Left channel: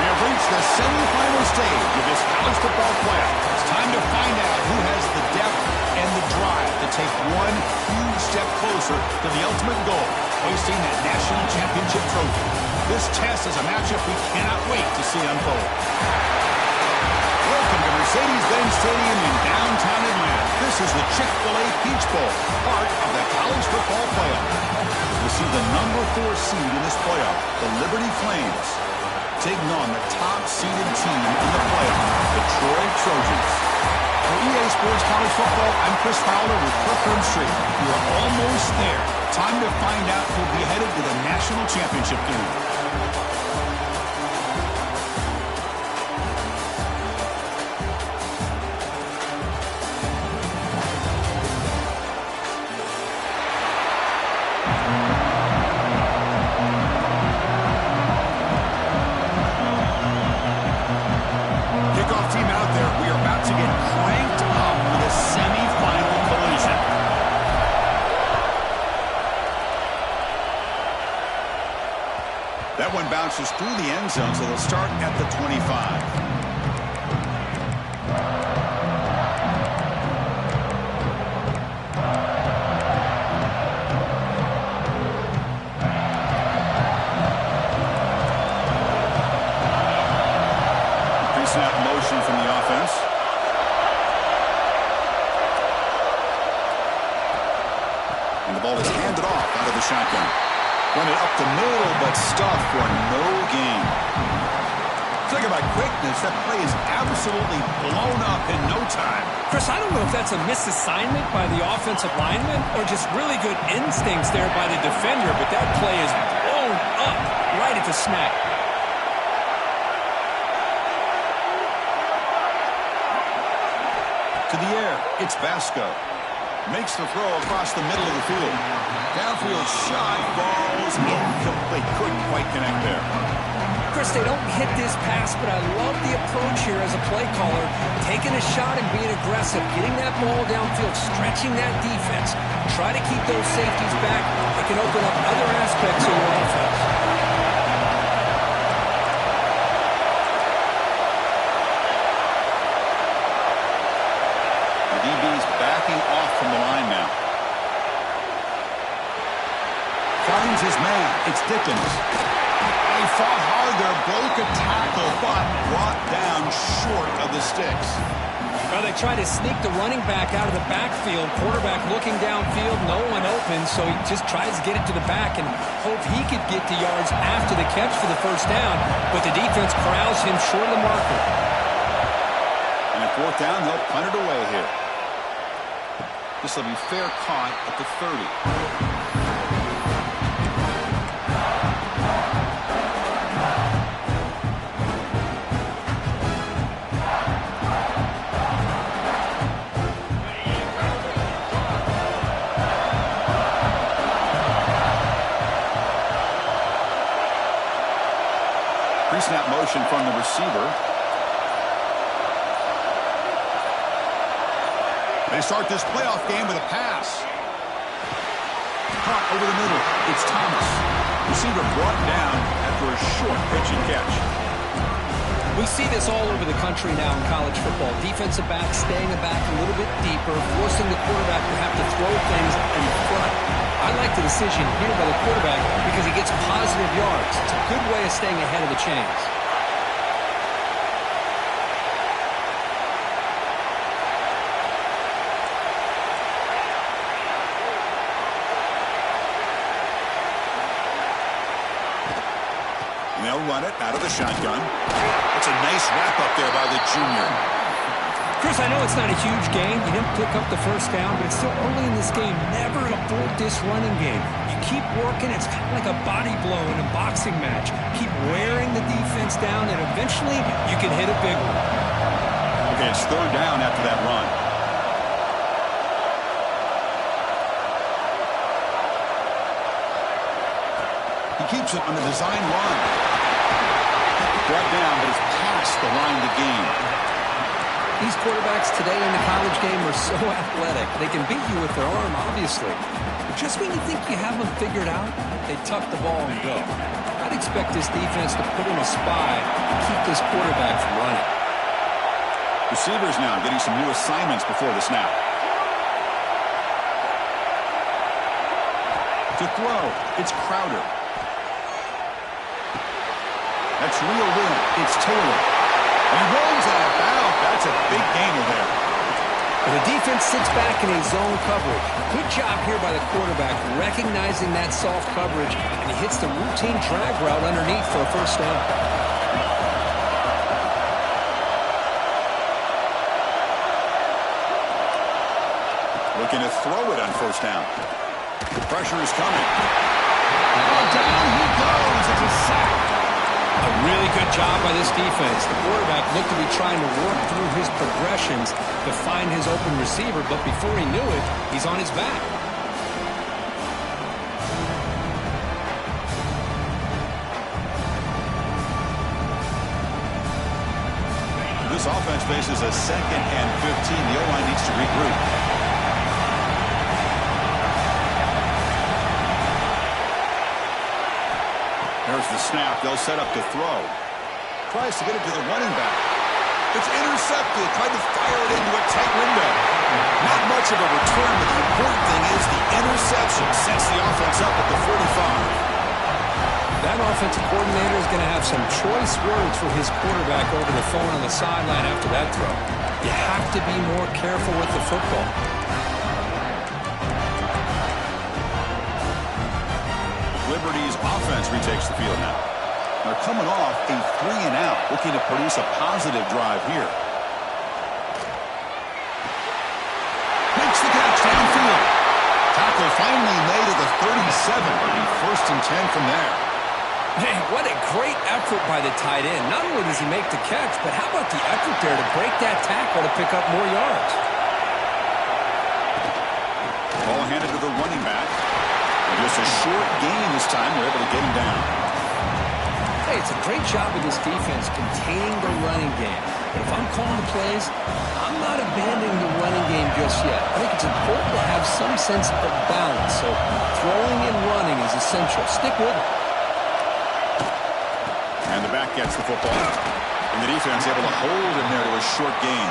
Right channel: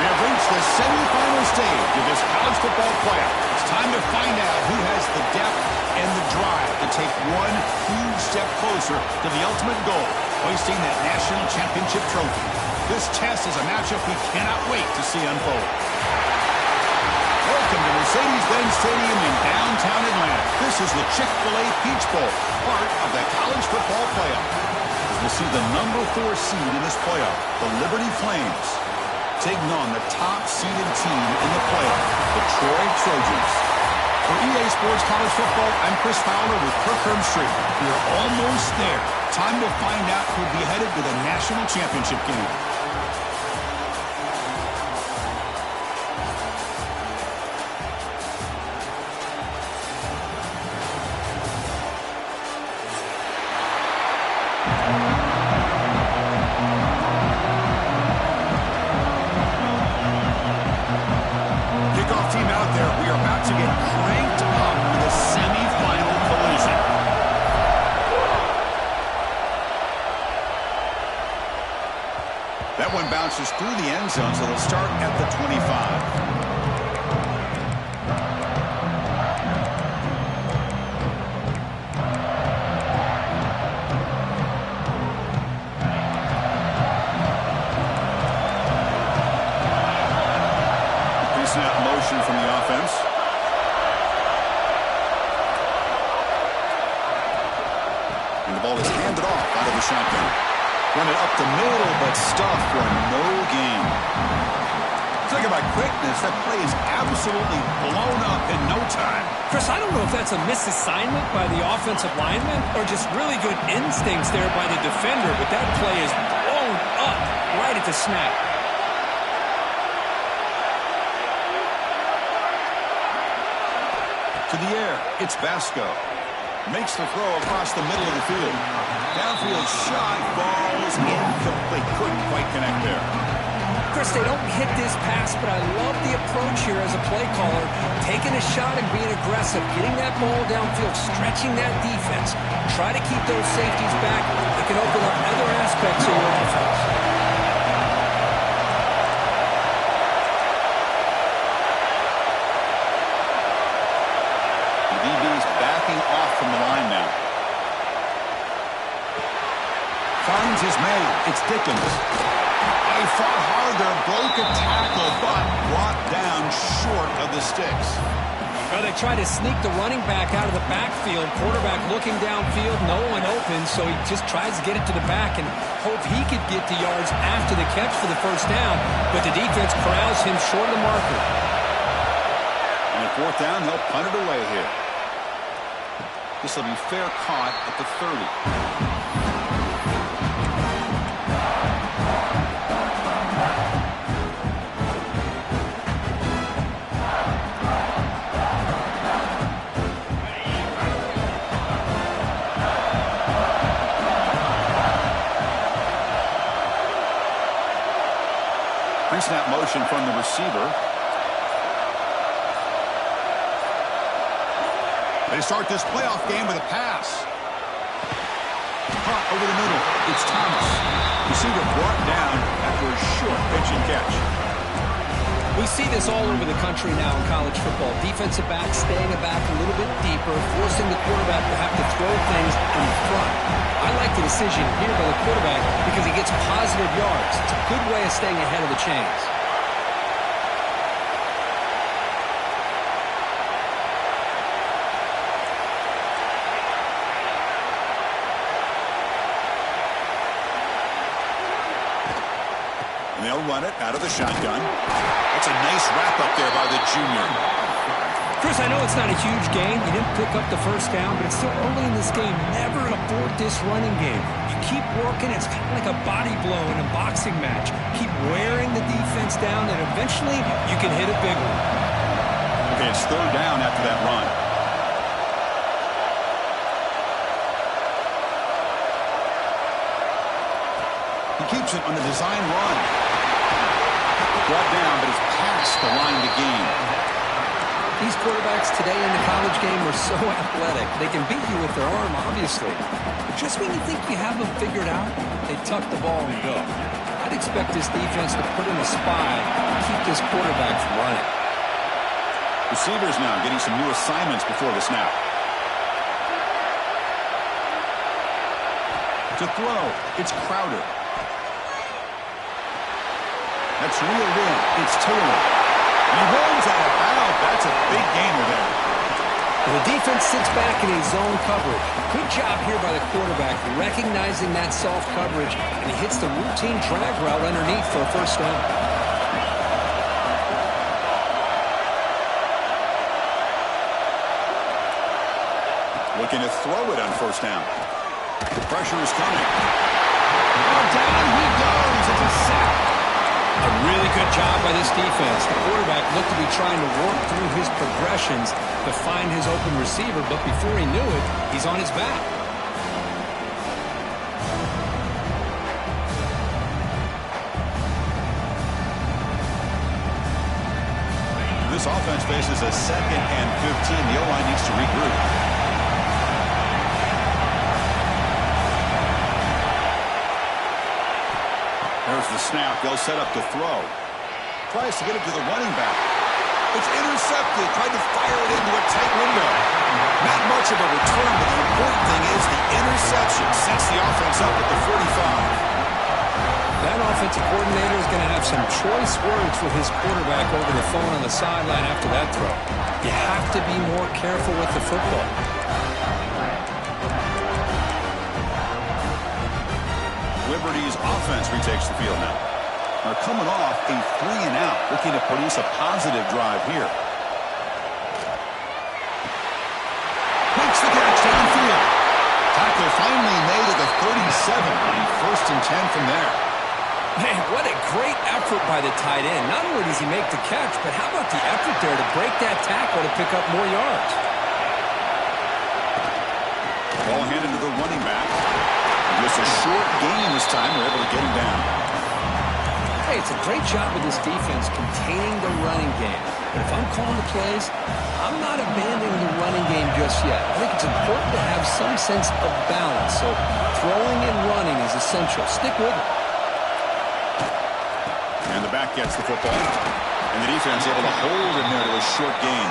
We have reached the semifinal stage of this college football playoff. It's time to find out who has the depth and the drive to take one huge step closer to the ultimate goal, hoisting that national championship trophy. This test is a matchup we cannot wait to see unfold. Welcome to Mercedes-Benz Stadium in downtown Atlanta. This is the Chick-fil-A Peach Bowl, part of the college football playoff. As we'll see the number 4 seed in this playoff, the Liberty Flames, taking on the top-seeded team in the playoff, the Troy Trojans. For EA Sports College Football, I'm Chris Fowler with Kirk Herbstreit. We are almost there. Time to find out who'll be headed to the national championship game. Team out there, we are about to get cranked up with a semi-final collision. That one bounces through the end zone, so they'll start at the 25. Snap motion from the offense. And the ball is handed off out of the shotgun. Run it up the middle, but stuffed for no gain. Talk about quickness. That play is absolutely blown up in no time. Chris, I don't know if that's a misassignment by the offensive lineman or just really good instincts there by the defender, but that play is blown up right at the snap. To the air, it's Vasco. Makes the throw across the middle of the field. Downfield shot falls incomplete. Couldn't quite connect there. Chris, they don't hit this pass, but I love the approach here as a play caller. Taking a shot and being aggressive, getting that ball downfield, stretching that defense. Try to keep those safeties back. It can open up other aspects of your offense. DB's backing off from the line now. Finds his man. It's Dickens. He fought hard there, broke a tackle, but brought down short of the sticks. Well, they try to sneak the running back out of the backfield. Quarterback looking downfield, no one open, so he just tries to get it to the back and hope he could get the yards after the catch for the first down, but the defense corrals him short of the marker. And at 4th down, they'll punt it away here. This will be fair caught at the 30. Pre-snap motion from the receiver. They start this playoff game with a pass. Caught over the middle. It's Thomas. Receiver brought down after a short pitch and catch. We see this all over the country now in college football. Defensive backs staying back a little bit deeper, forcing the quarterback to have to throw things in front. I like the decision here by the quarterback because he gets positive yards. It's a good way of staying ahead of the chains. And they'll run it out of the shotgun. That's a nice wrap-up there by the junior. Chris, I know it's not a huge gain. You didn't pick up the first down, but it's still early in this game. Never abort this running game. You keep working. It's kind of like a body blow in a boxing match. Keep wearing the defense down, and eventually you can hit a big one. Okay, it's third down after that run. He keeps it on the design run. Brought down, but it's past the line to gain. These quarterbacks today in the college game are so athletic. They can beat you with their arm, obviously. But just when you think you have them figured out, they tuck the ball and go. I'd expect this defense to put in a spy and keep this quarterback from running. Receivers now getting some new assignments before the snap. To throw, it's Crowder. That's real will. It's Taylor. And he rolls out of bounds. That's a big gainer there. The defense sits back in a zone coverage. Good job here by the quarterback recognizing that soft coverage, and he hits the routine drag route underneath for a first down. Looking to throw it on first down. The pressure is coming. Oh, down he goes. It's a sack. A really good job by this defense. The quarterback looked to be trying to work through his progressions to find his open receiver, but before he knew it, he's on his back. This offense faces a 2nd and 15. The O-line needs to regroup. There's the snap. They'll set up to throw. Tries to get it to the running back. It's intercepted. Tried to fire it into a tight window. Not much of a return, but the important thing is the interception sets the offense up at the 45. That offensive coordinator is going to have some choice words for his quarterback over the phone on the sideline after that throw. You have to be more careful with the football. Liberty's offense retakes the field now. They're coming off a 3-and-out, looking to produce a positive drive here. Makes the catch downfield. Tackle finally made at the 37. It'll be 1st and 10 from there. Man, what a great effort by the tight end. Not only does he make the catch, but how about the effort there to break that tackle to pick up more yards? Ball handed to the running back. Just a short gain this time. They're able to get him down. Hey, it's a great job of this defense containing the running game. But if I'm calling the plays, I'm not abandoning the running game just yet. I think it's important to have some sense of balance. So throwing and running is essential. Stick with it. And the back gets the football. And the defense able to hold him there to a short gain.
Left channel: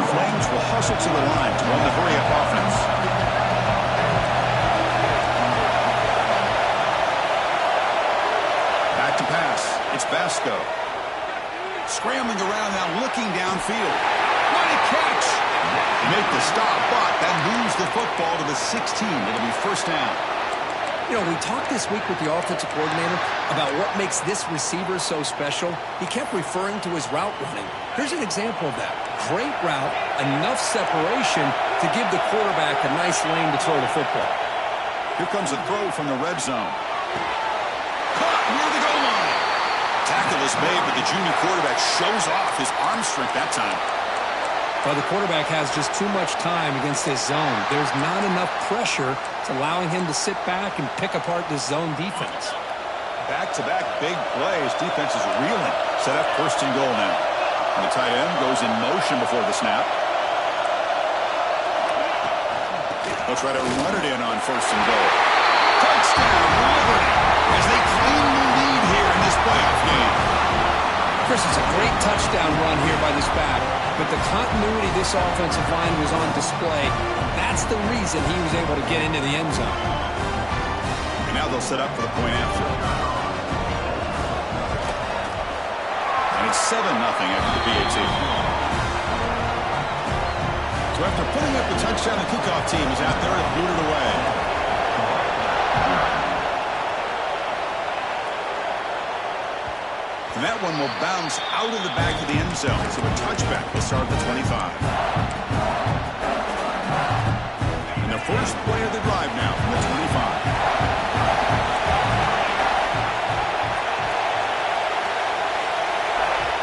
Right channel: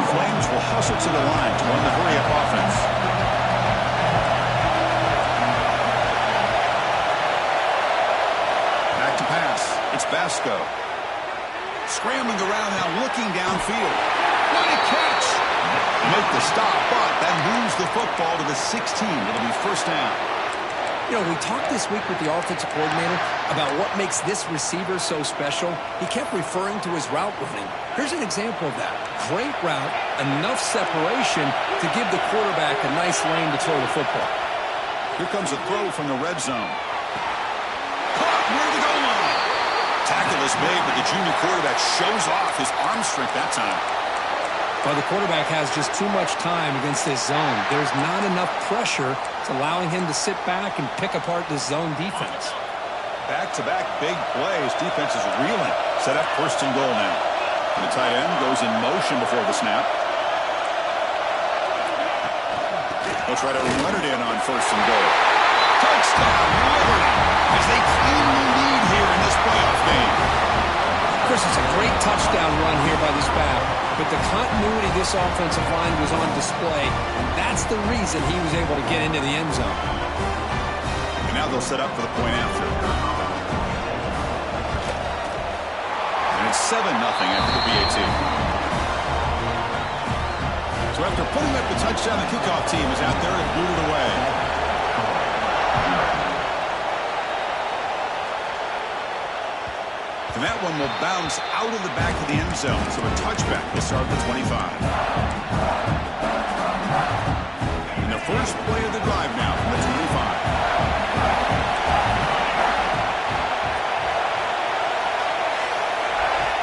The Flames will hustle to the line to run the hurry-up offense. Back to pass. It's Basco. Scrambling around now, looking downfield. What a catch! Make the stop, but then moves the football to the 16. It'll be 1st down. You know, we talked this week with the offensive coordinator about what makes this receiver so special. He kept referring to his route running. Here's an example of that. Great route, enough separation to give the quarterback a nice lane to throw the football. Here comes a throw from the red zone. Caught near the goal line. Tackle is made, but the junior quarterback shows off his arm strength that time. Well, the quarterback has just too much time against this zone. There's not enough pressure. It's allowing him to sit back and pick apart this zone defense. Back-to-back big plays. Defense is reeling. Set up first and goal now. And the tight end goes in motion before the snap. They'll try to run it in on first and goal. Touchdown, Liberty, as they claim the lead here in this playoff game. Chris, it's a great touchdown run here by this back, but the continuity of this offensive line was on display. That's the reason he was able to get into the end zone. And now they'll set up for the point after. And it's 7-0 after the PAT. So after putting up the touchdown, the kickoff team is out there to boot it away. And that one will bounce out of the back of the end zone. So a touchback will start at the 25. And the first play of the drive now from the 25.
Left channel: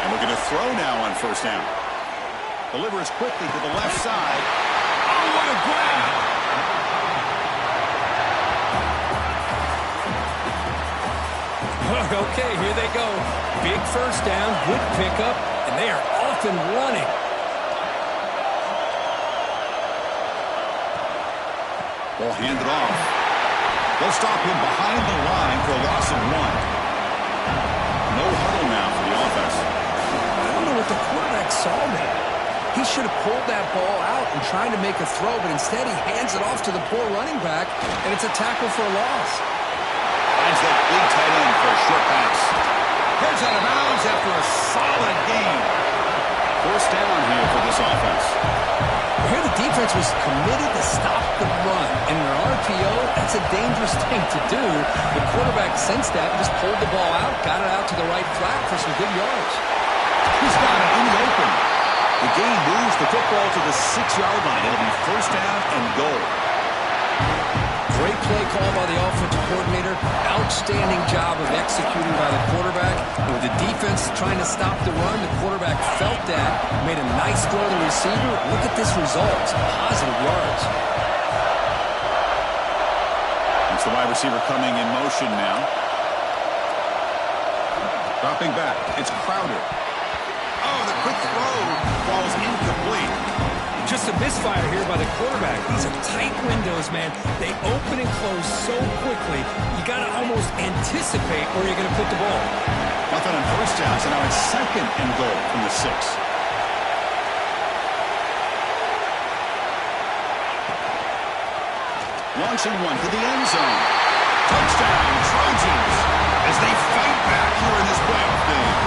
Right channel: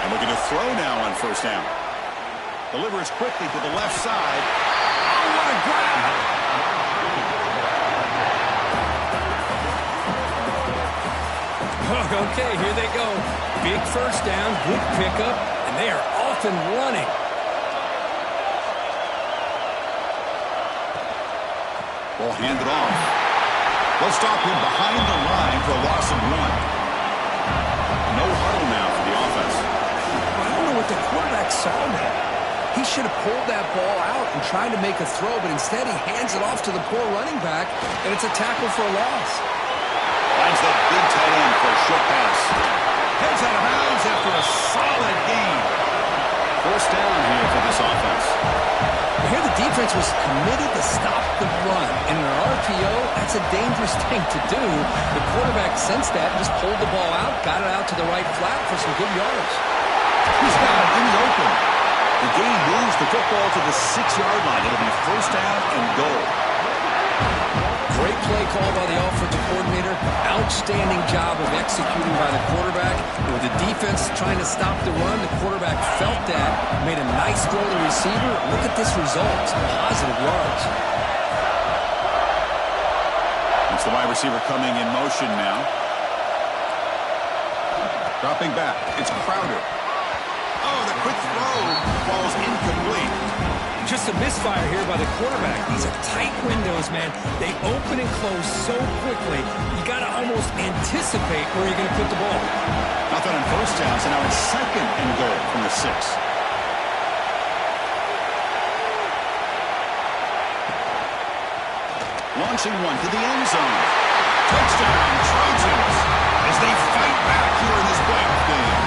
And looking to throw now on first down. Delivers quickly to the left side. Oh, what a grab! Okay, here they go. Big first down, good pickup, and they are off and running. Ball handed off. They'll stop him behind the line for a loss of 1. No huddle now for the offense. I don't know what the quarterback saw there. He should have pulled that ball out and tried to make a throw, but instead he hands it off to the poor running back, and it's a tackle for a loss. Finds that big tight end for a short pass. Heads out of bounds after a solid gain. First down here for this offense. Here the defense was committed to stop the run. And in an RPO, that's a dangerous thing to do. The quarterback sensed that and just pulled the ball out, got it out to the right flat for some good yards. He's got it in the open. The gain moves the football to the 6-yard line. It'll be first down and goal. Great play call by the offensive coordinator. Outstanding job of executing by the quarterback. And with the defense trying to stop the run, the quarterback felt that, made a nice throw to the receiver. Look at this result. Some positive yards. It's the wide receiver coming in motion now. Dropping back. It's Crowder. Oh, the quick throw falls incomplete. Just a misfire here by the quarterback. These are tight windows, man. They open and close so quickly. You got to almost anticipate where you're going to put the ball. Nothing on first down, so now it's second and goal from the 6. Launching one to the end zone. Touchdown, Trojans, as they fight back here in this playoff game.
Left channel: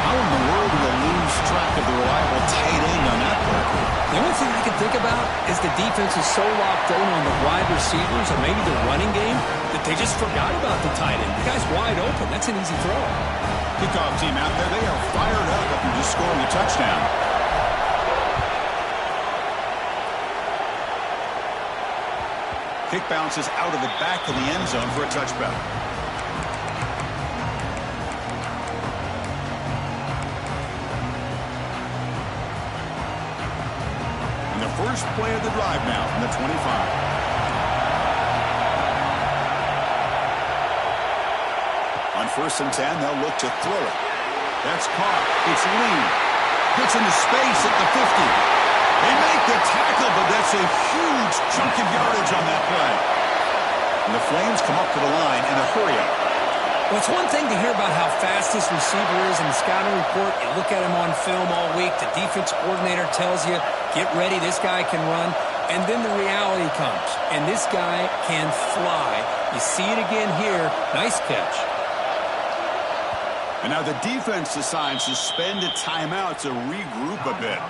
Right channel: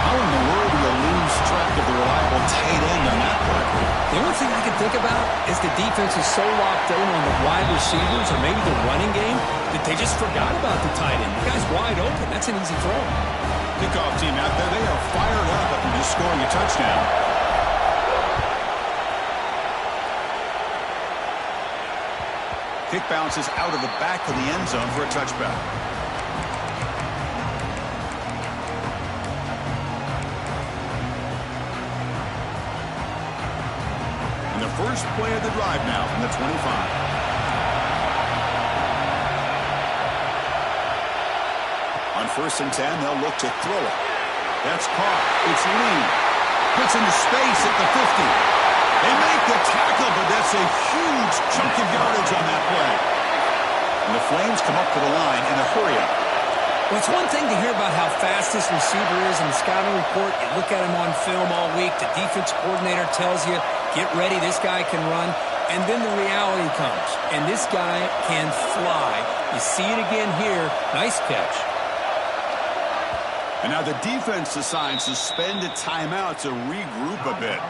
How in the world do you lose track of the reliable tight end on that play? The only thing I can think about is the defense is so locked in on the wide receivers or maybe the running game that they just forgot about the tight end. The guy's wide open. That's an easy throw. Kickoff team out there, they are fired up after just scoring a touchdown. Kick bounces out of the back of the end zone for a touchback. And the first play of the drive now from the 25. On first and 10, they'll look to throw it. That's caught. It's Lee. Gets into space at the 50. They make the tackle, but that's a huge chunk of yardage on that play. And the Flames come up to the line in a hurry-up. Well, it's one thing to hear about how fast this receiver is in the scouting report. You look at him on film all week. The defense coordinator tells you, get ready, this guy can run. And then the reality comes, and this guy can fly. You see it again here. Nice catch. And now the defense decides to spend a timeout to regroup a bit.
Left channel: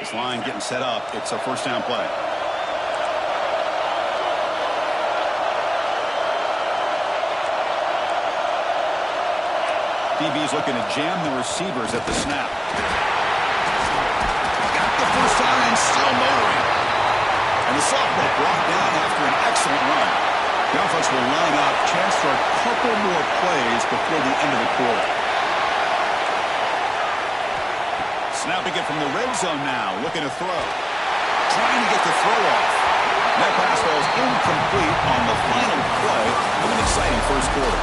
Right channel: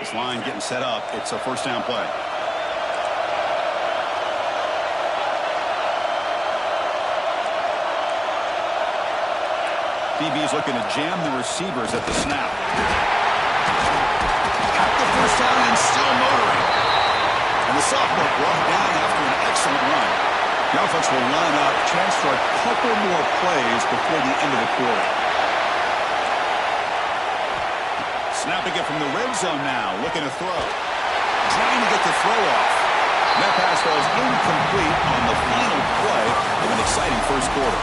This line getting set up. It's a first down play. DB's looking to jam the receivers at the snap. Got the first down and still motoring. And the sophomore brought down after an excellent run. The offense will line up. Chance for a couple more plays before the end of the quarter. Snapping it from the red zone now, looking to throw. Trying to get the throw off. That pass falls incomplete on the final play of an exciting first quarter.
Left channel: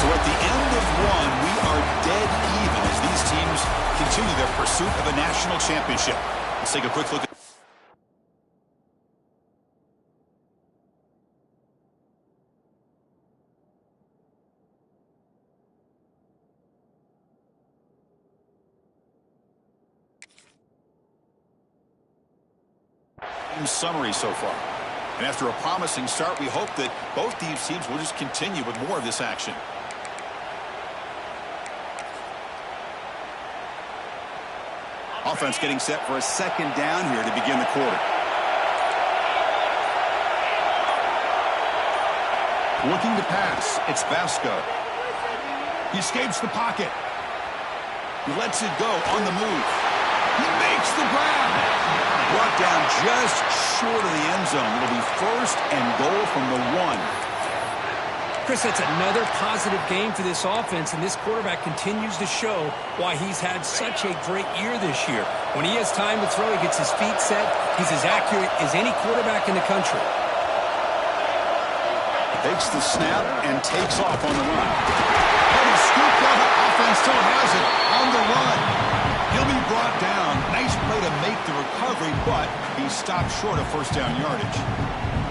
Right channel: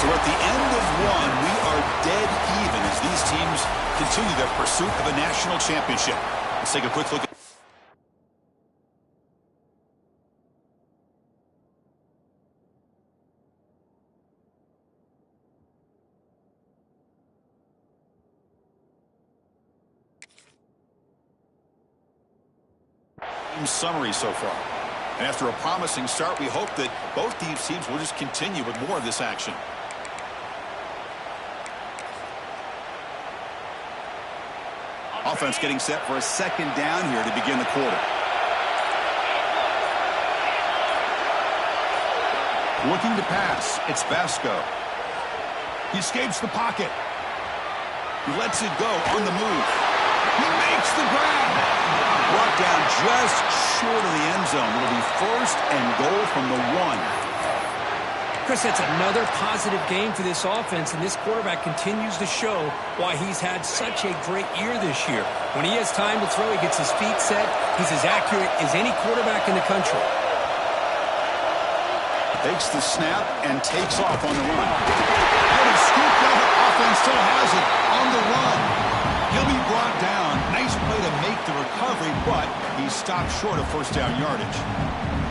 So at the end of one, we are dead even as these teams continue their pursuit of a national championship. Let's take a quick look at summary so far. And after a promising start, we hope that both these teams will just continue with more of this action. Offense getting set for a second down here to begin the quarter. Looking to pass. It's Vasco. He escapes the pocket. He lets it go on the move. He makes the grab. Brought down just short of the end zone. It'll be first and goal from the 1. Chris, that's another positive game for this offense, and this quarterback continues to show why he's had such a great year this year. When he has time to throw, he gets his feet set. He's as accurate as any quarterback in the country. Takes the snap and takes off on the run. And he's scooped out. Offense still has it on the run. He'll be brought down. Nice play to make the recovery, but he stopped short of first down yardage.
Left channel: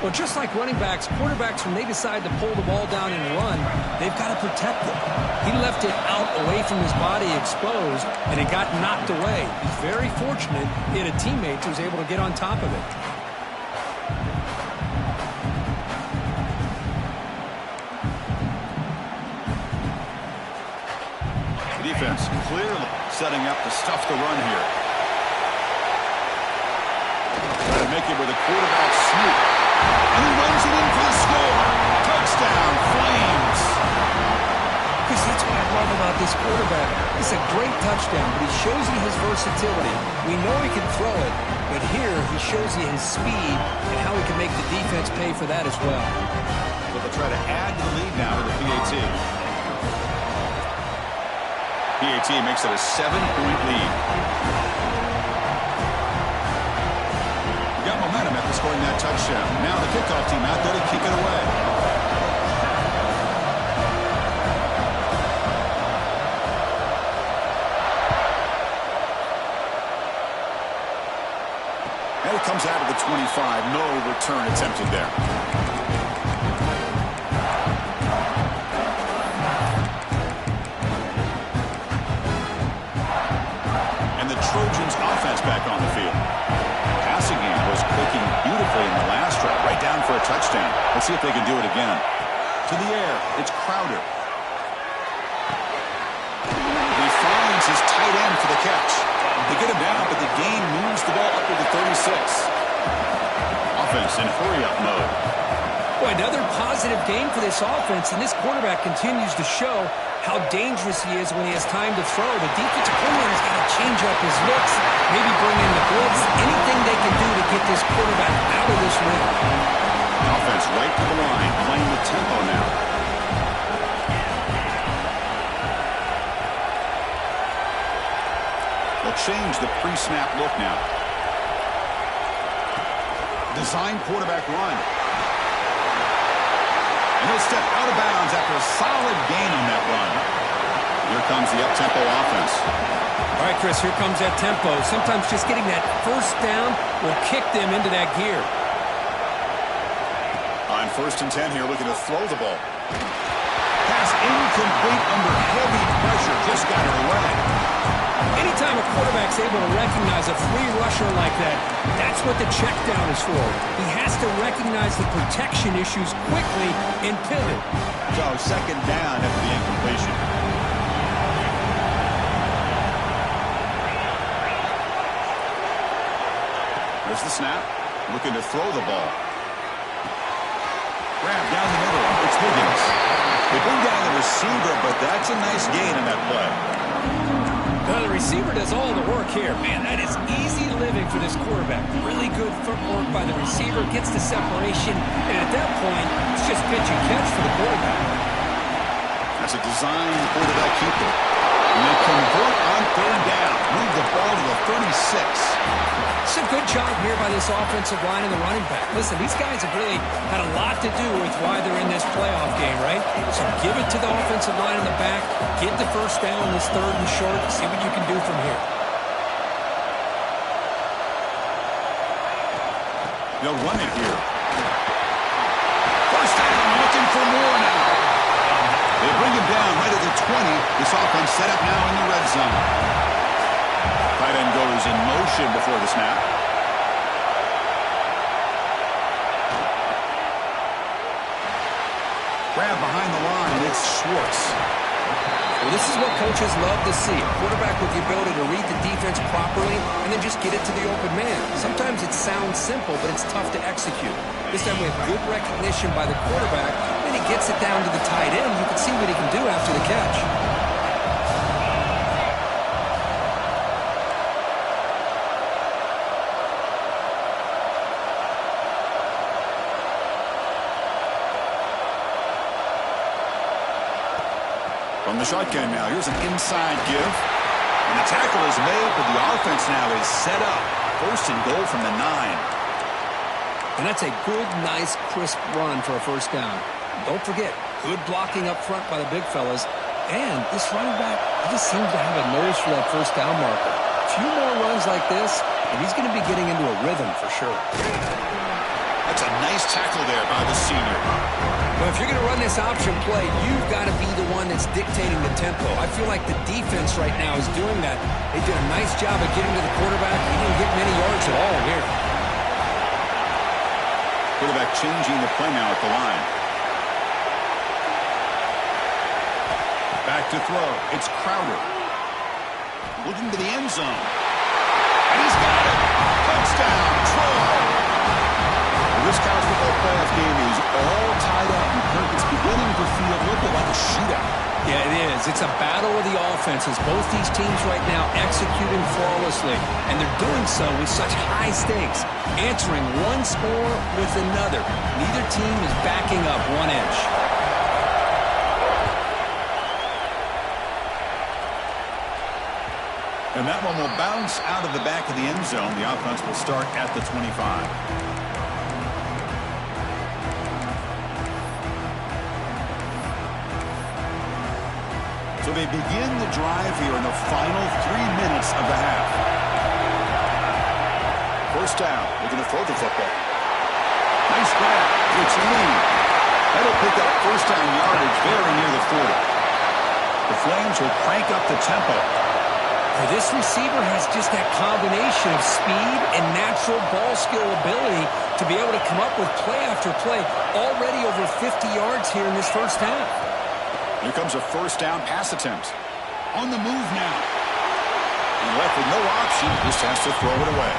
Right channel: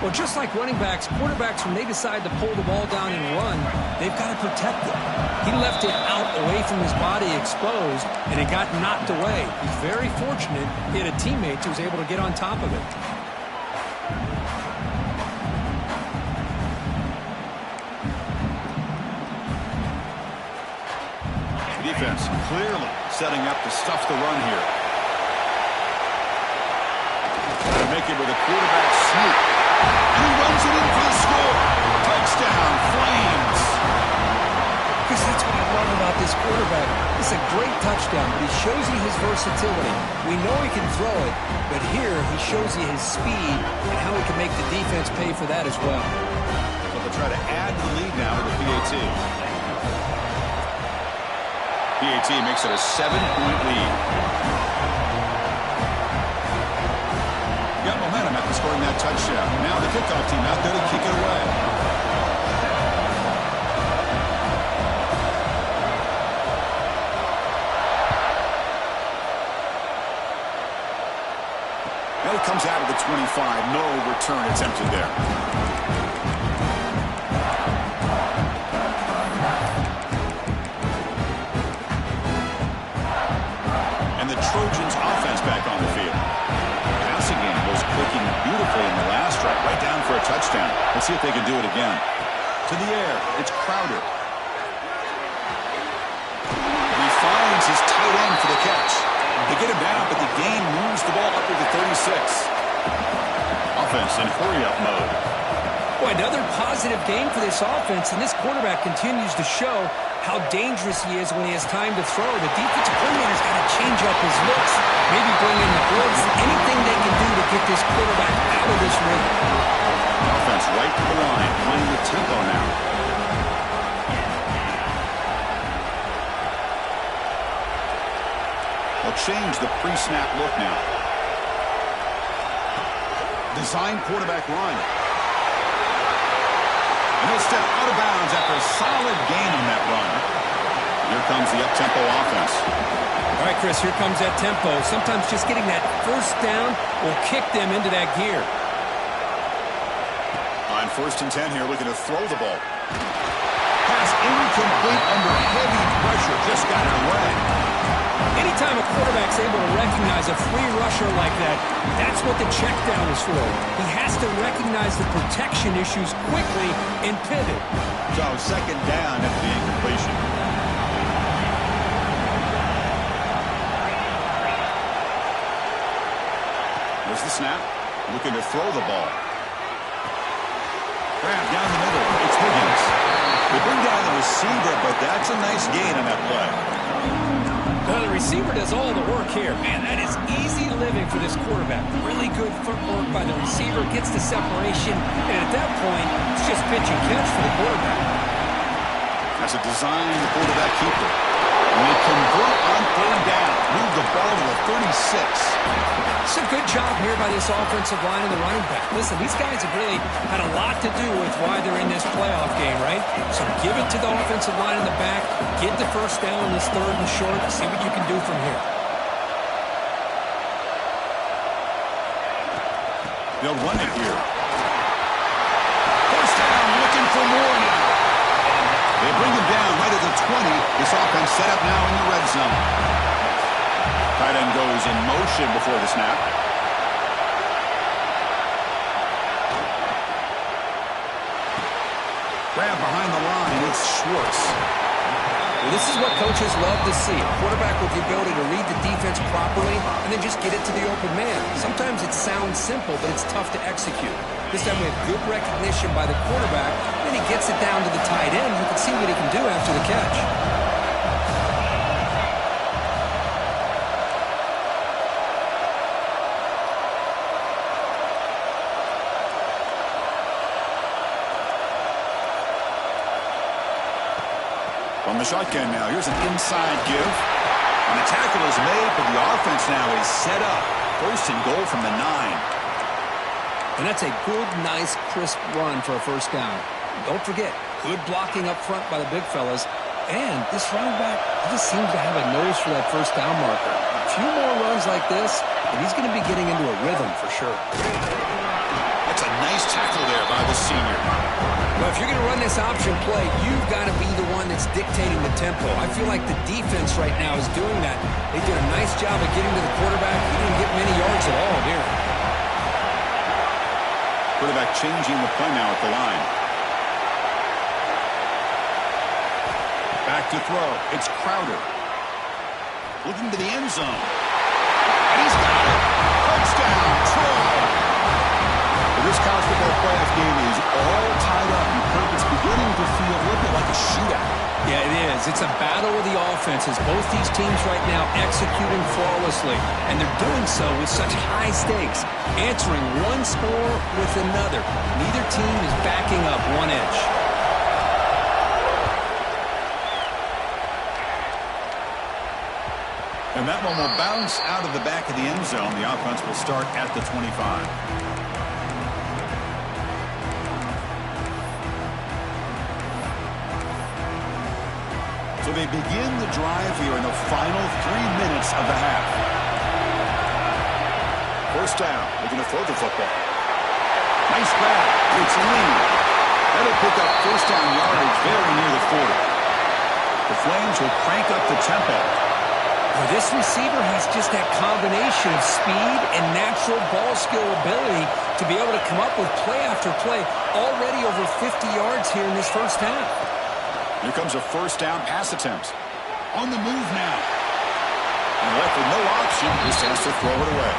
Well, just like running backs, quarterbacks, when they decide to pull the ball down and run, they've got to protect it. He left it out away from his body exposed, and it got knocked away. He's very fortunate he had a teammate who was able to get on top of it. Defense clearly setting up to stuff the run here. Trying to make it with a quarterback sneak. And he runs it in for the score. Touchdown, Flames. Chris, that's what I love about this quarterback. It's a great touchdown, but he shows you his versatility. We know he can throw it, but here he shows you his speed and how he can make the defense pay for that as well. So they'll try to add to the lead now with the PAT. PAT makes it a 7-point lead. Got momentum after scoring that touchdown. Now the kickoff team out there to kick it away. And it comes out of the 25. No return attempted there. Trojans offense back on the field. Passing game was clicking beautifully in the last drive, right down for a touchdown. Let's see if they can do it again. To the air, it's Crowder. He finds his tight end for the catch. They get him down, but the gain moves the ball up to the 36. Offense in hurry-up mode. Boy, another positive game for this offense, and this quarterback continues to show how dangerous he is when he has time to throw. The defensive coordinator's got to change up his looks, maybe bring in the blitz, anything they can do to get this quarterback out of this rhythm. Offense right to the line, playing the tempo now. They'll change the pre-snap look now. Design quarterback run. And he'll step out of bounds after a solid gain on that run. Here comes the up-tempo offense. All right, Chris, here comes that tempo. Sometimes just getting that first down will kick them into that gear. On 1st and 10 here, looking to throw the ball. Pass incomplete under heavy pressure. Just got it away. Anytime a quarterback's able to recognize a free rusher like that, that's what the check down is for. He has to recognize the protection issues quickly and pivot. So 2nd down after the incompletion. There's the snap. Looking to throw the ball. Grab down the middle. It's Higgins. They bring down the receiver, but that's a nice gain on that play. The receiver does all the work here. Man, that is easy living for this quarterback. Really good footwork by the receiver, gets the separation, and at that point, it's just pitch and catch for the quarterback. That's a designed quarterback keeper. And they convert on third down. Move the ball to the 36. It's a good job here by this offensive line and the running back. Listen, these guys have really had a lot to do with why they're in this playoff game, right? So give it to the offensive line in the back. Get the first down, this third and short. See what you can do from here. They'll run it here. First down, looking for more now. They bring him down right at the 20. This offense set up now in the red zone. Tight end goes in motion before the snap. Grab behind the line. It's Schwartz. Well, this is what coaches love to see. A quarterback with the ability to read the defense properly and then just get it to the open man. Sometimes it sounds simple, but it's tough to execute. This time we have good recognition by the quarterback. Then he gets it down to the tight end. You can see what he can do after the catch. From the shotgun now, here's an inside give. And the tackle is made, but the offense now is set up. First and goal from the 9. And that's a good, nice, crisp run for a first down. Don't forget, good blocking up front by the big fellas. And this running back, he just seems to have a nose for that first down marker. A few more runs like this, and he's going to be getting into a rhythm for sure. That's a nice tackle there by the senior. Well, if you're going to run this option play, you've got to be the one that's dictating the tempo. I feel like the defense right now is doing that. They did a nice job of getting to the quarterback. He didn't get many yards at all here. Quarterback changing the play now at the line. Back to throw. It's Crowder. Looking to the end zone. And he's got it. Touchdown, Troy. Well, this college football playoff game is all tied up. And Kirk, it's beginning to feel a little bit like a shootout. Yeah, it is. It's a battle of the offenses. Both these teams right now executing flawlessly, and they're doing so with such high stakes, answering one score with another. Neither team is backing up one inch. And that one will bounce out of the back of the end zone. The offense will start at the 25. So they begin the drive here in the final 3 minutes of the half. First down, looking to throw the football. Nice grab. It's Lee. That'll pick up first down yardage very near the 40. The Flames will crank up the tempo. Well, this receiver has just that combination of speed and natural ball skill ability to be able to come up with play after play. Already over 50 yards here in this first half. Here comes a first down pass attempt. On the move now. And left with no option, just has to throw it away.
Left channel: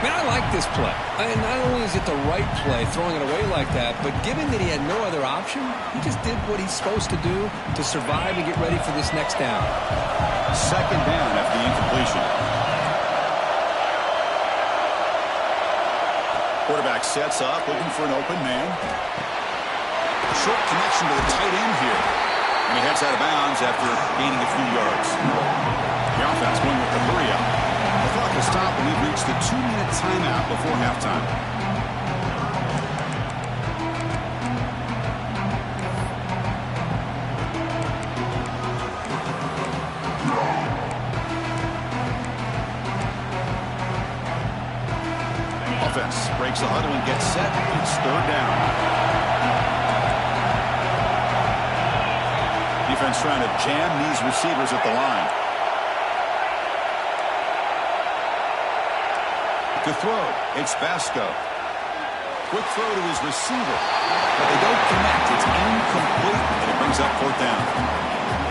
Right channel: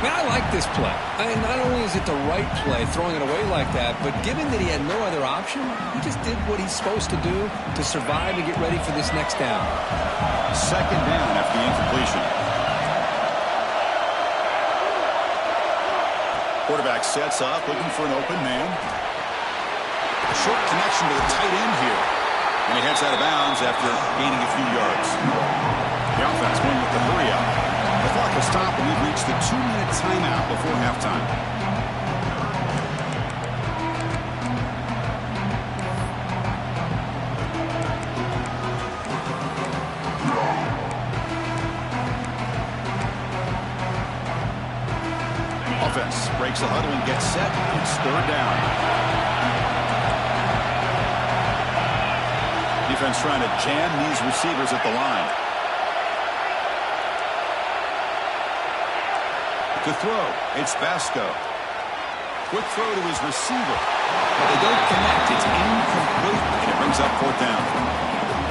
Man, I like this play. And not only is it the right play, throwing it away like that, but given that he had no other option, he just did what he's supposed to do to survive and get ready for this next down. Second down after the incompletion. Quarterback sets up, looking for an open man. A short connection to the tight end here. And he heads out of bounds after gaining a few yards. The offense going with the hurry up. The clock has stopped and we've reached the 2-minute timeout before halftime. Offense breaks the huddle and gets set. It's third down. Defense trying to jam these receivers at the line. To throw, it's Vasco. Quick throw to his receiver, but they don't connect. It's incomplete, and it brings up fourth down.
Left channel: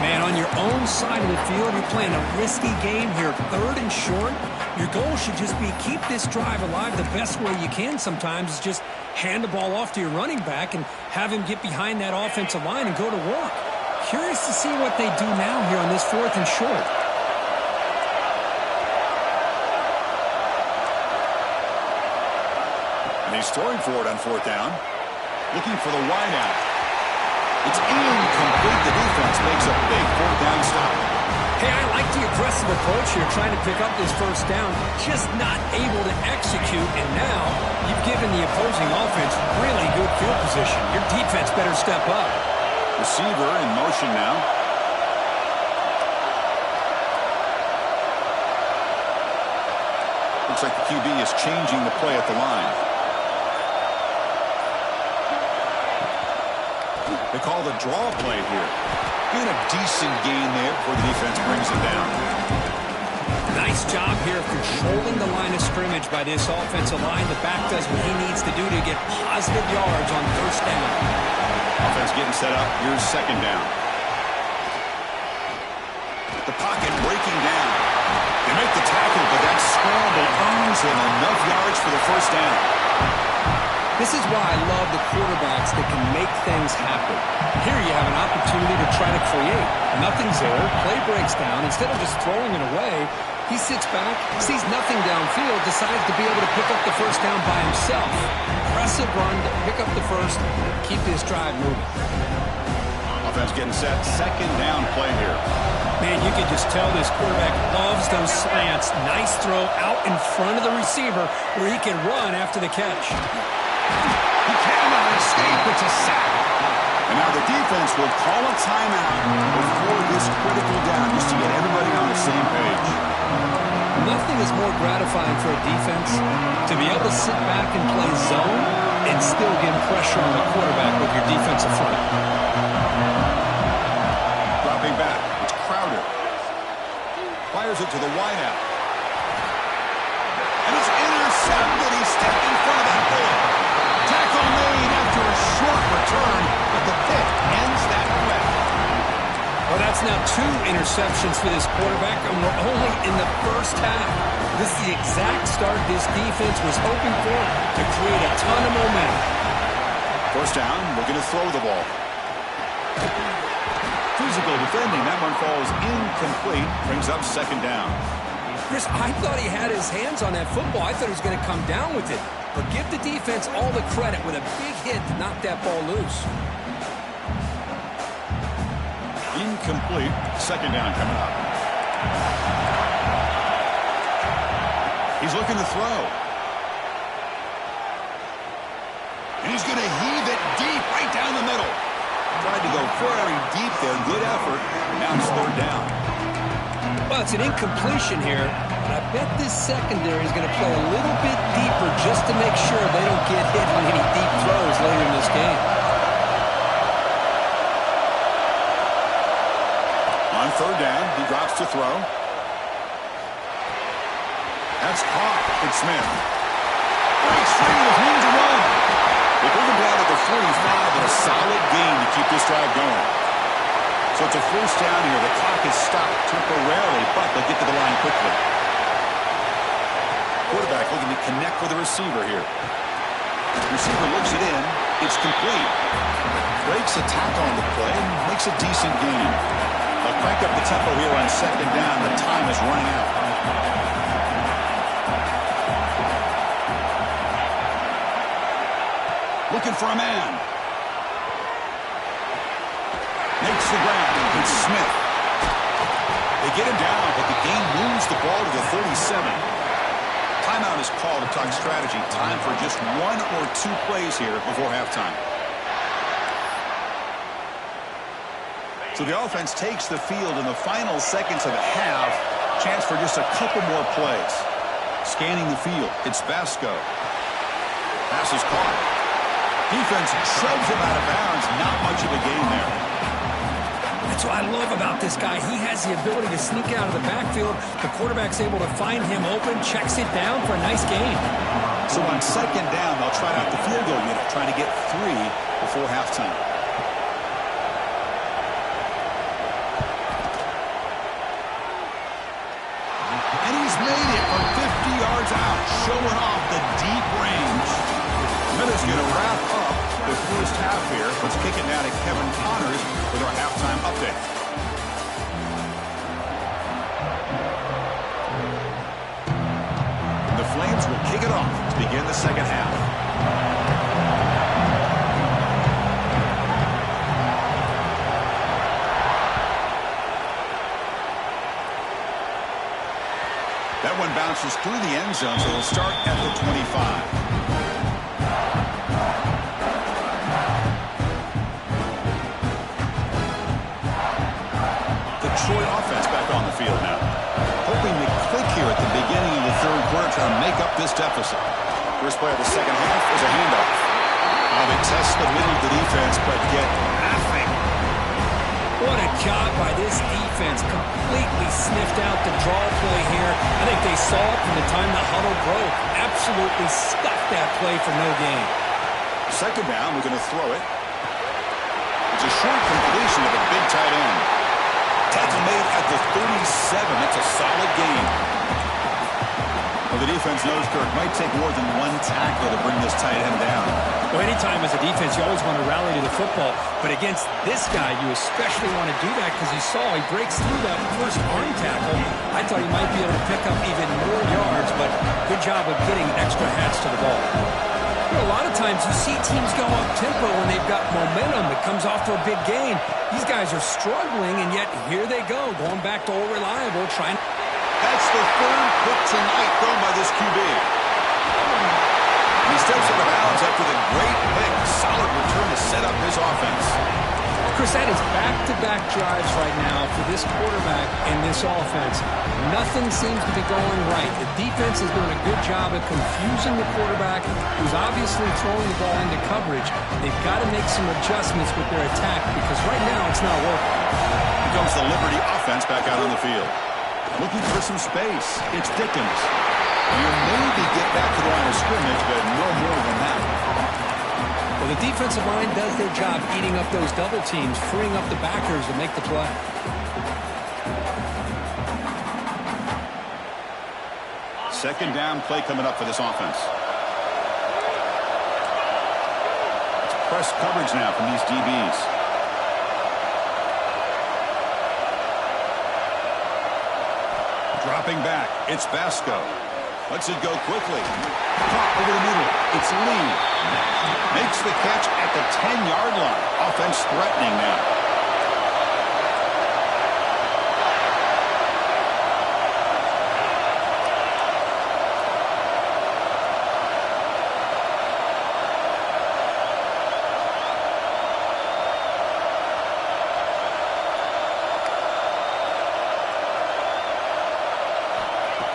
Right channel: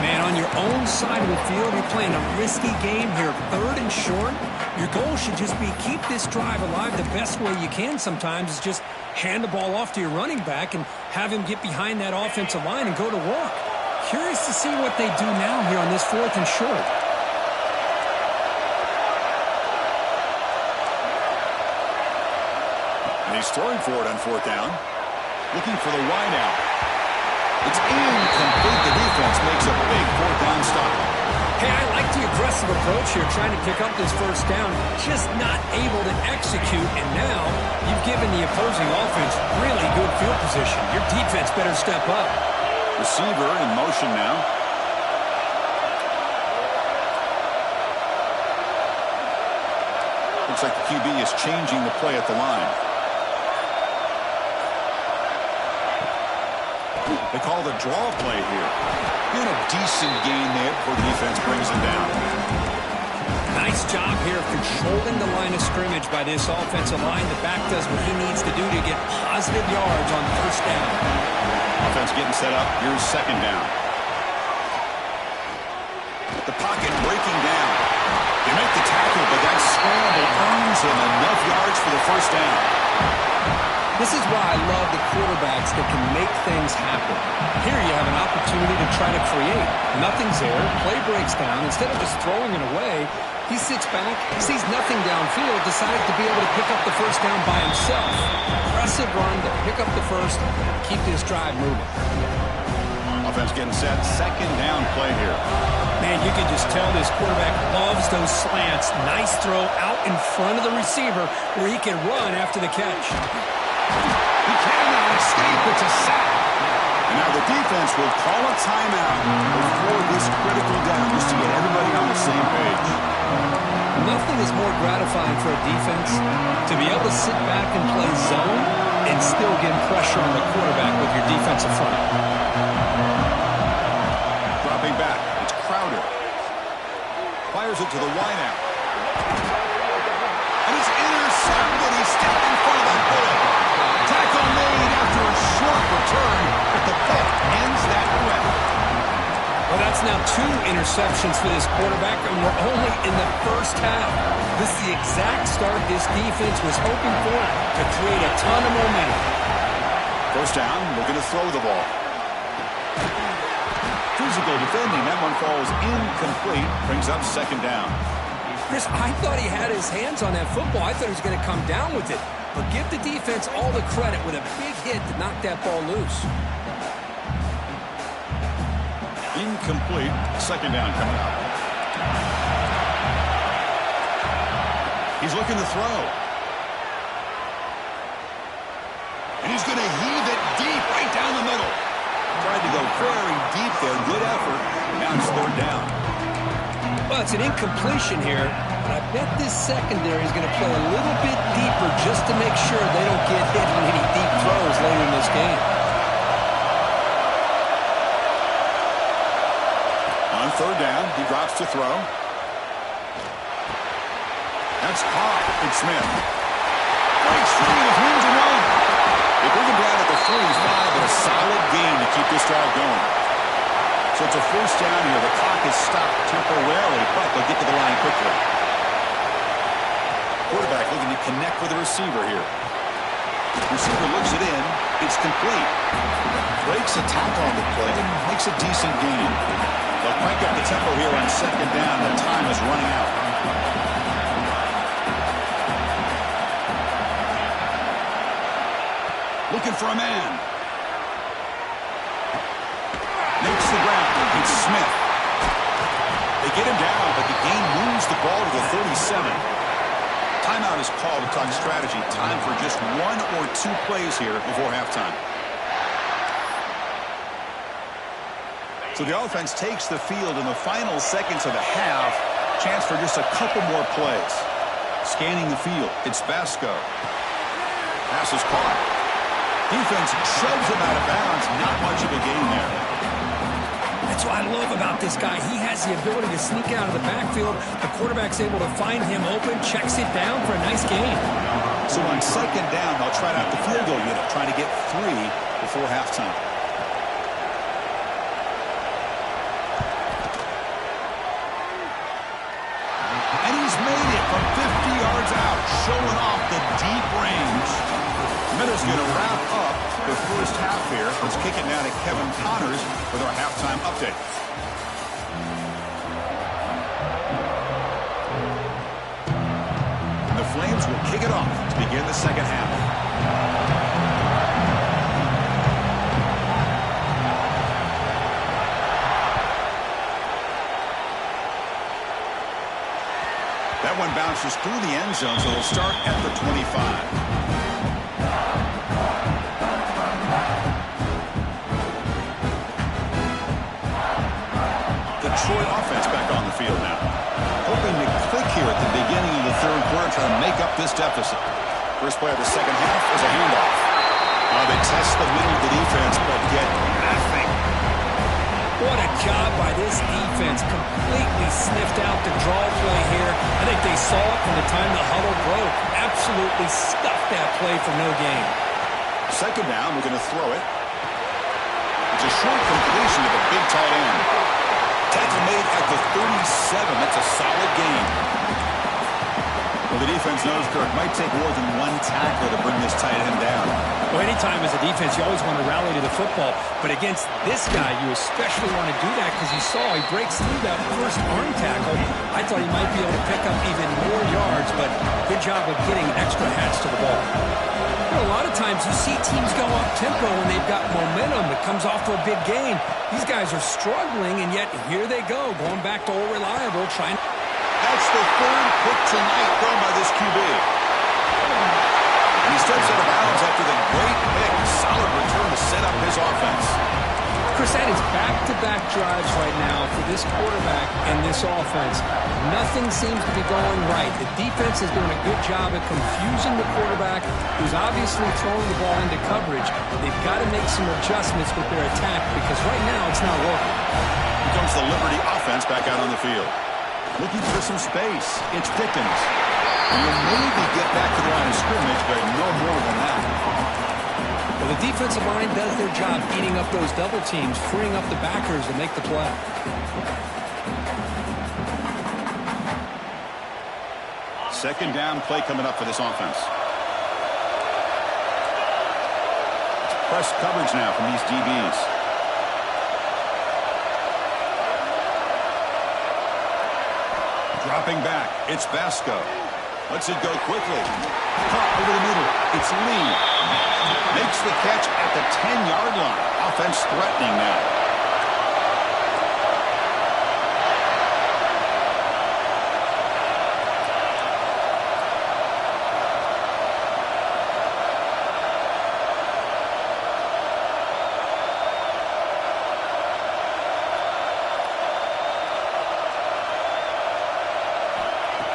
Man, on your own side of the field, you're playing a risky game here. Third and short. Your goal should just be keep this drive alive the best way you can sometimes is just hand the ball off to your running back and have him get behind that offensive line and go to work. Curious to see what they do now here on this fourth and short. And he's throwing for it on fourth down. Looking for the wide out. It's incomplete. The defense makes a big fourth down stop. Hey, I like the aggressive approach here, trying to pick up this first down, just not able to execute, and now you've given the opposing offense really good field position. Your defense better step up. Receiver in motion now. Looks like the QB is changing the play at the line. They call the draw play here. And a decent gain there before the defense brings him down. Nice job here of controlling the line of scrimmage by this offensive line. The back does what he needs to do to get positive yards on first down. Offense getting set up. Here's second down. The pocket breaking down. They make the tackle, but that scramble earns him enough yards for the first down. This is why I love the quarterbacks that can make things happen. Here you have an opportunity to try to create. Nothing's there. Play breaks down. Instead of just throwing it away, he sits back, sees nothing downfield, decides to be able to pick up the first down by himself. Impressive run to pick up the first, keep this drive moving. Offense getting set. Second down play here. Man, you can just tell this quarterback loves those slants. Nice throw out in front of the receiver where he can run after the catch. He cannot escape. It's a sack. And now the defense will call a timeout before this critical down just to get everybody on the same page. Nothing is more gratifying for a defense to be able to sit back and play zone and still get pressure on the quarterback with your defensive front. Dropping back. It's Crowder. Fires it to the wideout. And it's intercepted. He stepped in front of that bullet. Tackle made after a short return, but the pick ends that threat. Well, that's now 2 interceptions for this quarterback, and we're only in the first half. This is the exact start this defense was hoping for to create a ton of momentum. First down, looking to throw the ball. Physical defending. That one falls incomplete. Brings up second down. Chris, I thought he had his hands on that football. I thought he was going to come down with it. But give the defense all the credit with a big hit to knock that ball loose. Incomplete. Second down coming up. He's looking to throw. And he's going to heave it deep right down the middle. Tried to go very deep there. Good effort. Now it's third down. Well, it's an incompletion here, but I bet this secondary is going to play a little bit deeper just to make sure they don't get hit on any deep throws later in this game. On third down, he drops to throw. That's caught. It's Smith. Breaks free with room to run. They bring him down at the 45 and a solid gain to keep this drive going. So it's a first down here. The clock is stopped temporarily, but they'll get to the line quickly. Quarterback looking to connect with the receiver here. Receiver looks it in. It's complete. Breaks a tackle on the play and makes a decent gain. They'll crank up the tempo here on second down. The time is running out. Looking for a man. Makes the ground. It's Smith. They get him down, but the game moves the ball to the 37. Timeout is called to talk strategy. Time for just 1 or 2 plays here before halftime. So the offense takes the field in the final seconds of the half. Chance for just a couple more plays. Scanning the field. It's Basco. Pass is caught. Defense shoves him out of bounds. Not much of a gain there. That's what I love about this guy. He has the ability to sneak out of the backfield. The quarterback's able to find him open, checks it down for a nice gain. So on second down, they'll try out the field goal unit, trying to get 3 before halftime. And he's made it from 50 yards out, showing off the deep range. Miller's going to wrap up the first half here. Let's kick it now to Kevin Connors with our halftime update. The Flames will kick it off to begin the second half. That one bounces through the end zone, so it'll start at the 25. The Troy offense back on the field now. Hoping to click here at the beginning of the third quarter, trying to make up this deficit. First play of the second half is a handoff. They test the middle of the defense, but get nothing. What a job by this defense. Completely sniffed out the draw play here. I think they saw it from the time the huddle broke. Absolutely stuffed that play for no gain. Second down, we're going to throw it. It's a short completion of a big tight end. Tackle made at the 37. That's a solid gain. Well, the defense knows, Kirk, might take more than one tackler to bring this tight end down. Well, anytime as a defense, you always want to rally to the football. But against this guy, you especially want to do that because you saw he breaks through that first arm tackle. I thought he might be able to pick up even more yards, but good job of getting extra hats to the ball. You know, a lot of times you see teams go up-tempo when they've got momentum. It comes off for a big gain. These guys are struggling, and yet here they go, going back to old reliable, trying. That's the third pick tonight thrown by this QB. And he steps out of bounds after the great pick. Solid return to set up his offense. Chris, that is back-to-back drives right now for this quarterback and this offense. Nothing seems to be going right. The defense is doing a good job at confusing the quarterback, who's obviously throwing the ball into coverage. They've got to make some adjustments with their attack because right now it's not working. Here comes the Liberty offense back out on the field. Looking for some space. It's Dickens. You'll maybe get back to the line of scrimmage, but no more than that. Well, the defensive line does their job eating up those double teams, freeing up the backers to make the play. Second down play coming up for this offense. It's press coverage now from these DBs. Dropping back, it's Basco. Lets it go quickly. Caught over the middle. It's Lee. Makes the catch at the 10-yard line. Offense threatening now.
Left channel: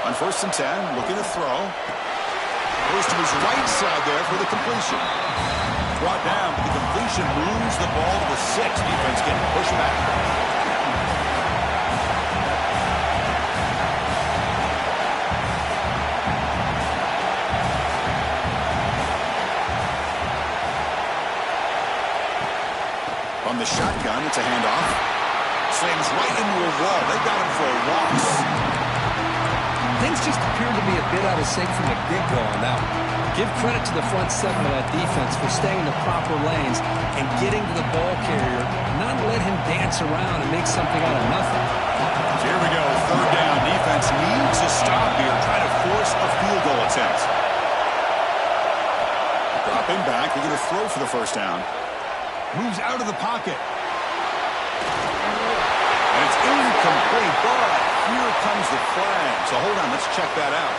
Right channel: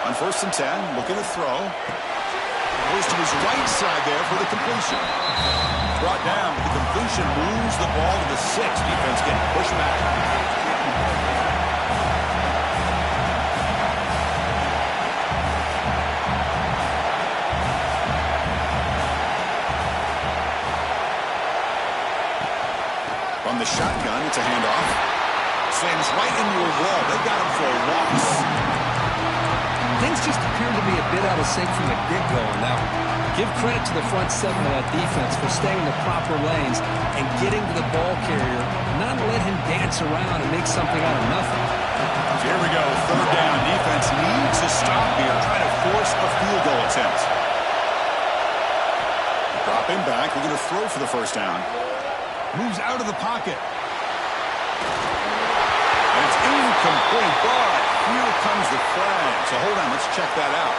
On 1st and 10, looking to throw. Goes to his right side there for the completion. Brought down, but the completion moves the ball to the 6. Defense getting pushed back. From the shotgun, it's a handoff. Slams right into a wall. They got him for a loss. Things just appear to be a bit out of sync from the get-go on that one. Give credit to the front seven of that defense for staying in the proper lanes and getting to the ball carrier, not let him dance around and make something out of nothing. So here we go, third down. Defense needs to stop here, trying to force a field goal attempt. Dropping back, they're going to throw for the first down. Moves out of the pocket. And it's incomplete, but here comes the flag. So hold on, let's check that out.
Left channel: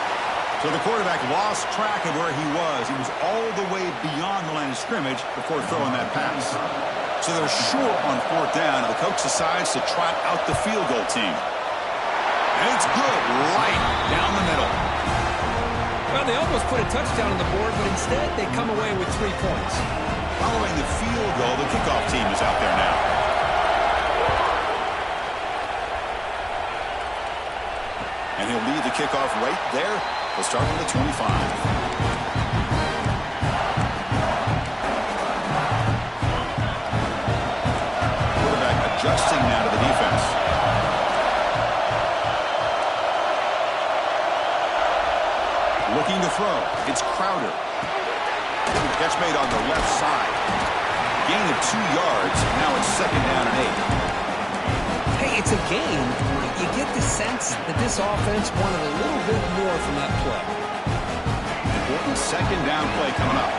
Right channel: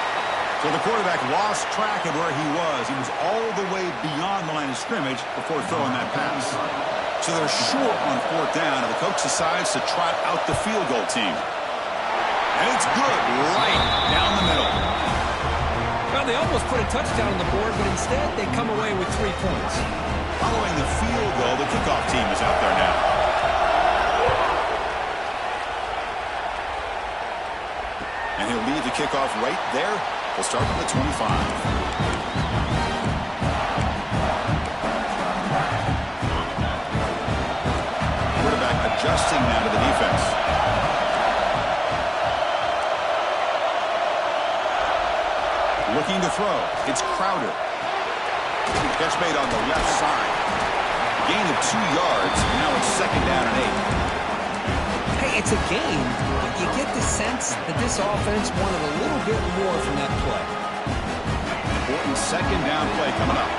So the quarterback lost track of where he was. He was all the way beyond the line of scrimmage before throwing that pass. So they're short on 4th down, and the coach decides to trot out the field goal team. And it's good, right down the middle. Well, they almost put a touchdown on the board, but instead they come away with 3 points. Following the field goal, the kickoff team is out there now. And he'll lead the kickoff right there. He'll start from the 25. Quarterback adjusting now to the defense. Looking to throw. It's Crowder. Catch made on the left side. Gain of 2 yards. Now it's 2nd down and 8. Hey, it's a game. You get the sense that this offense wanted a little bit more from that play. Important 2nd down play coming up.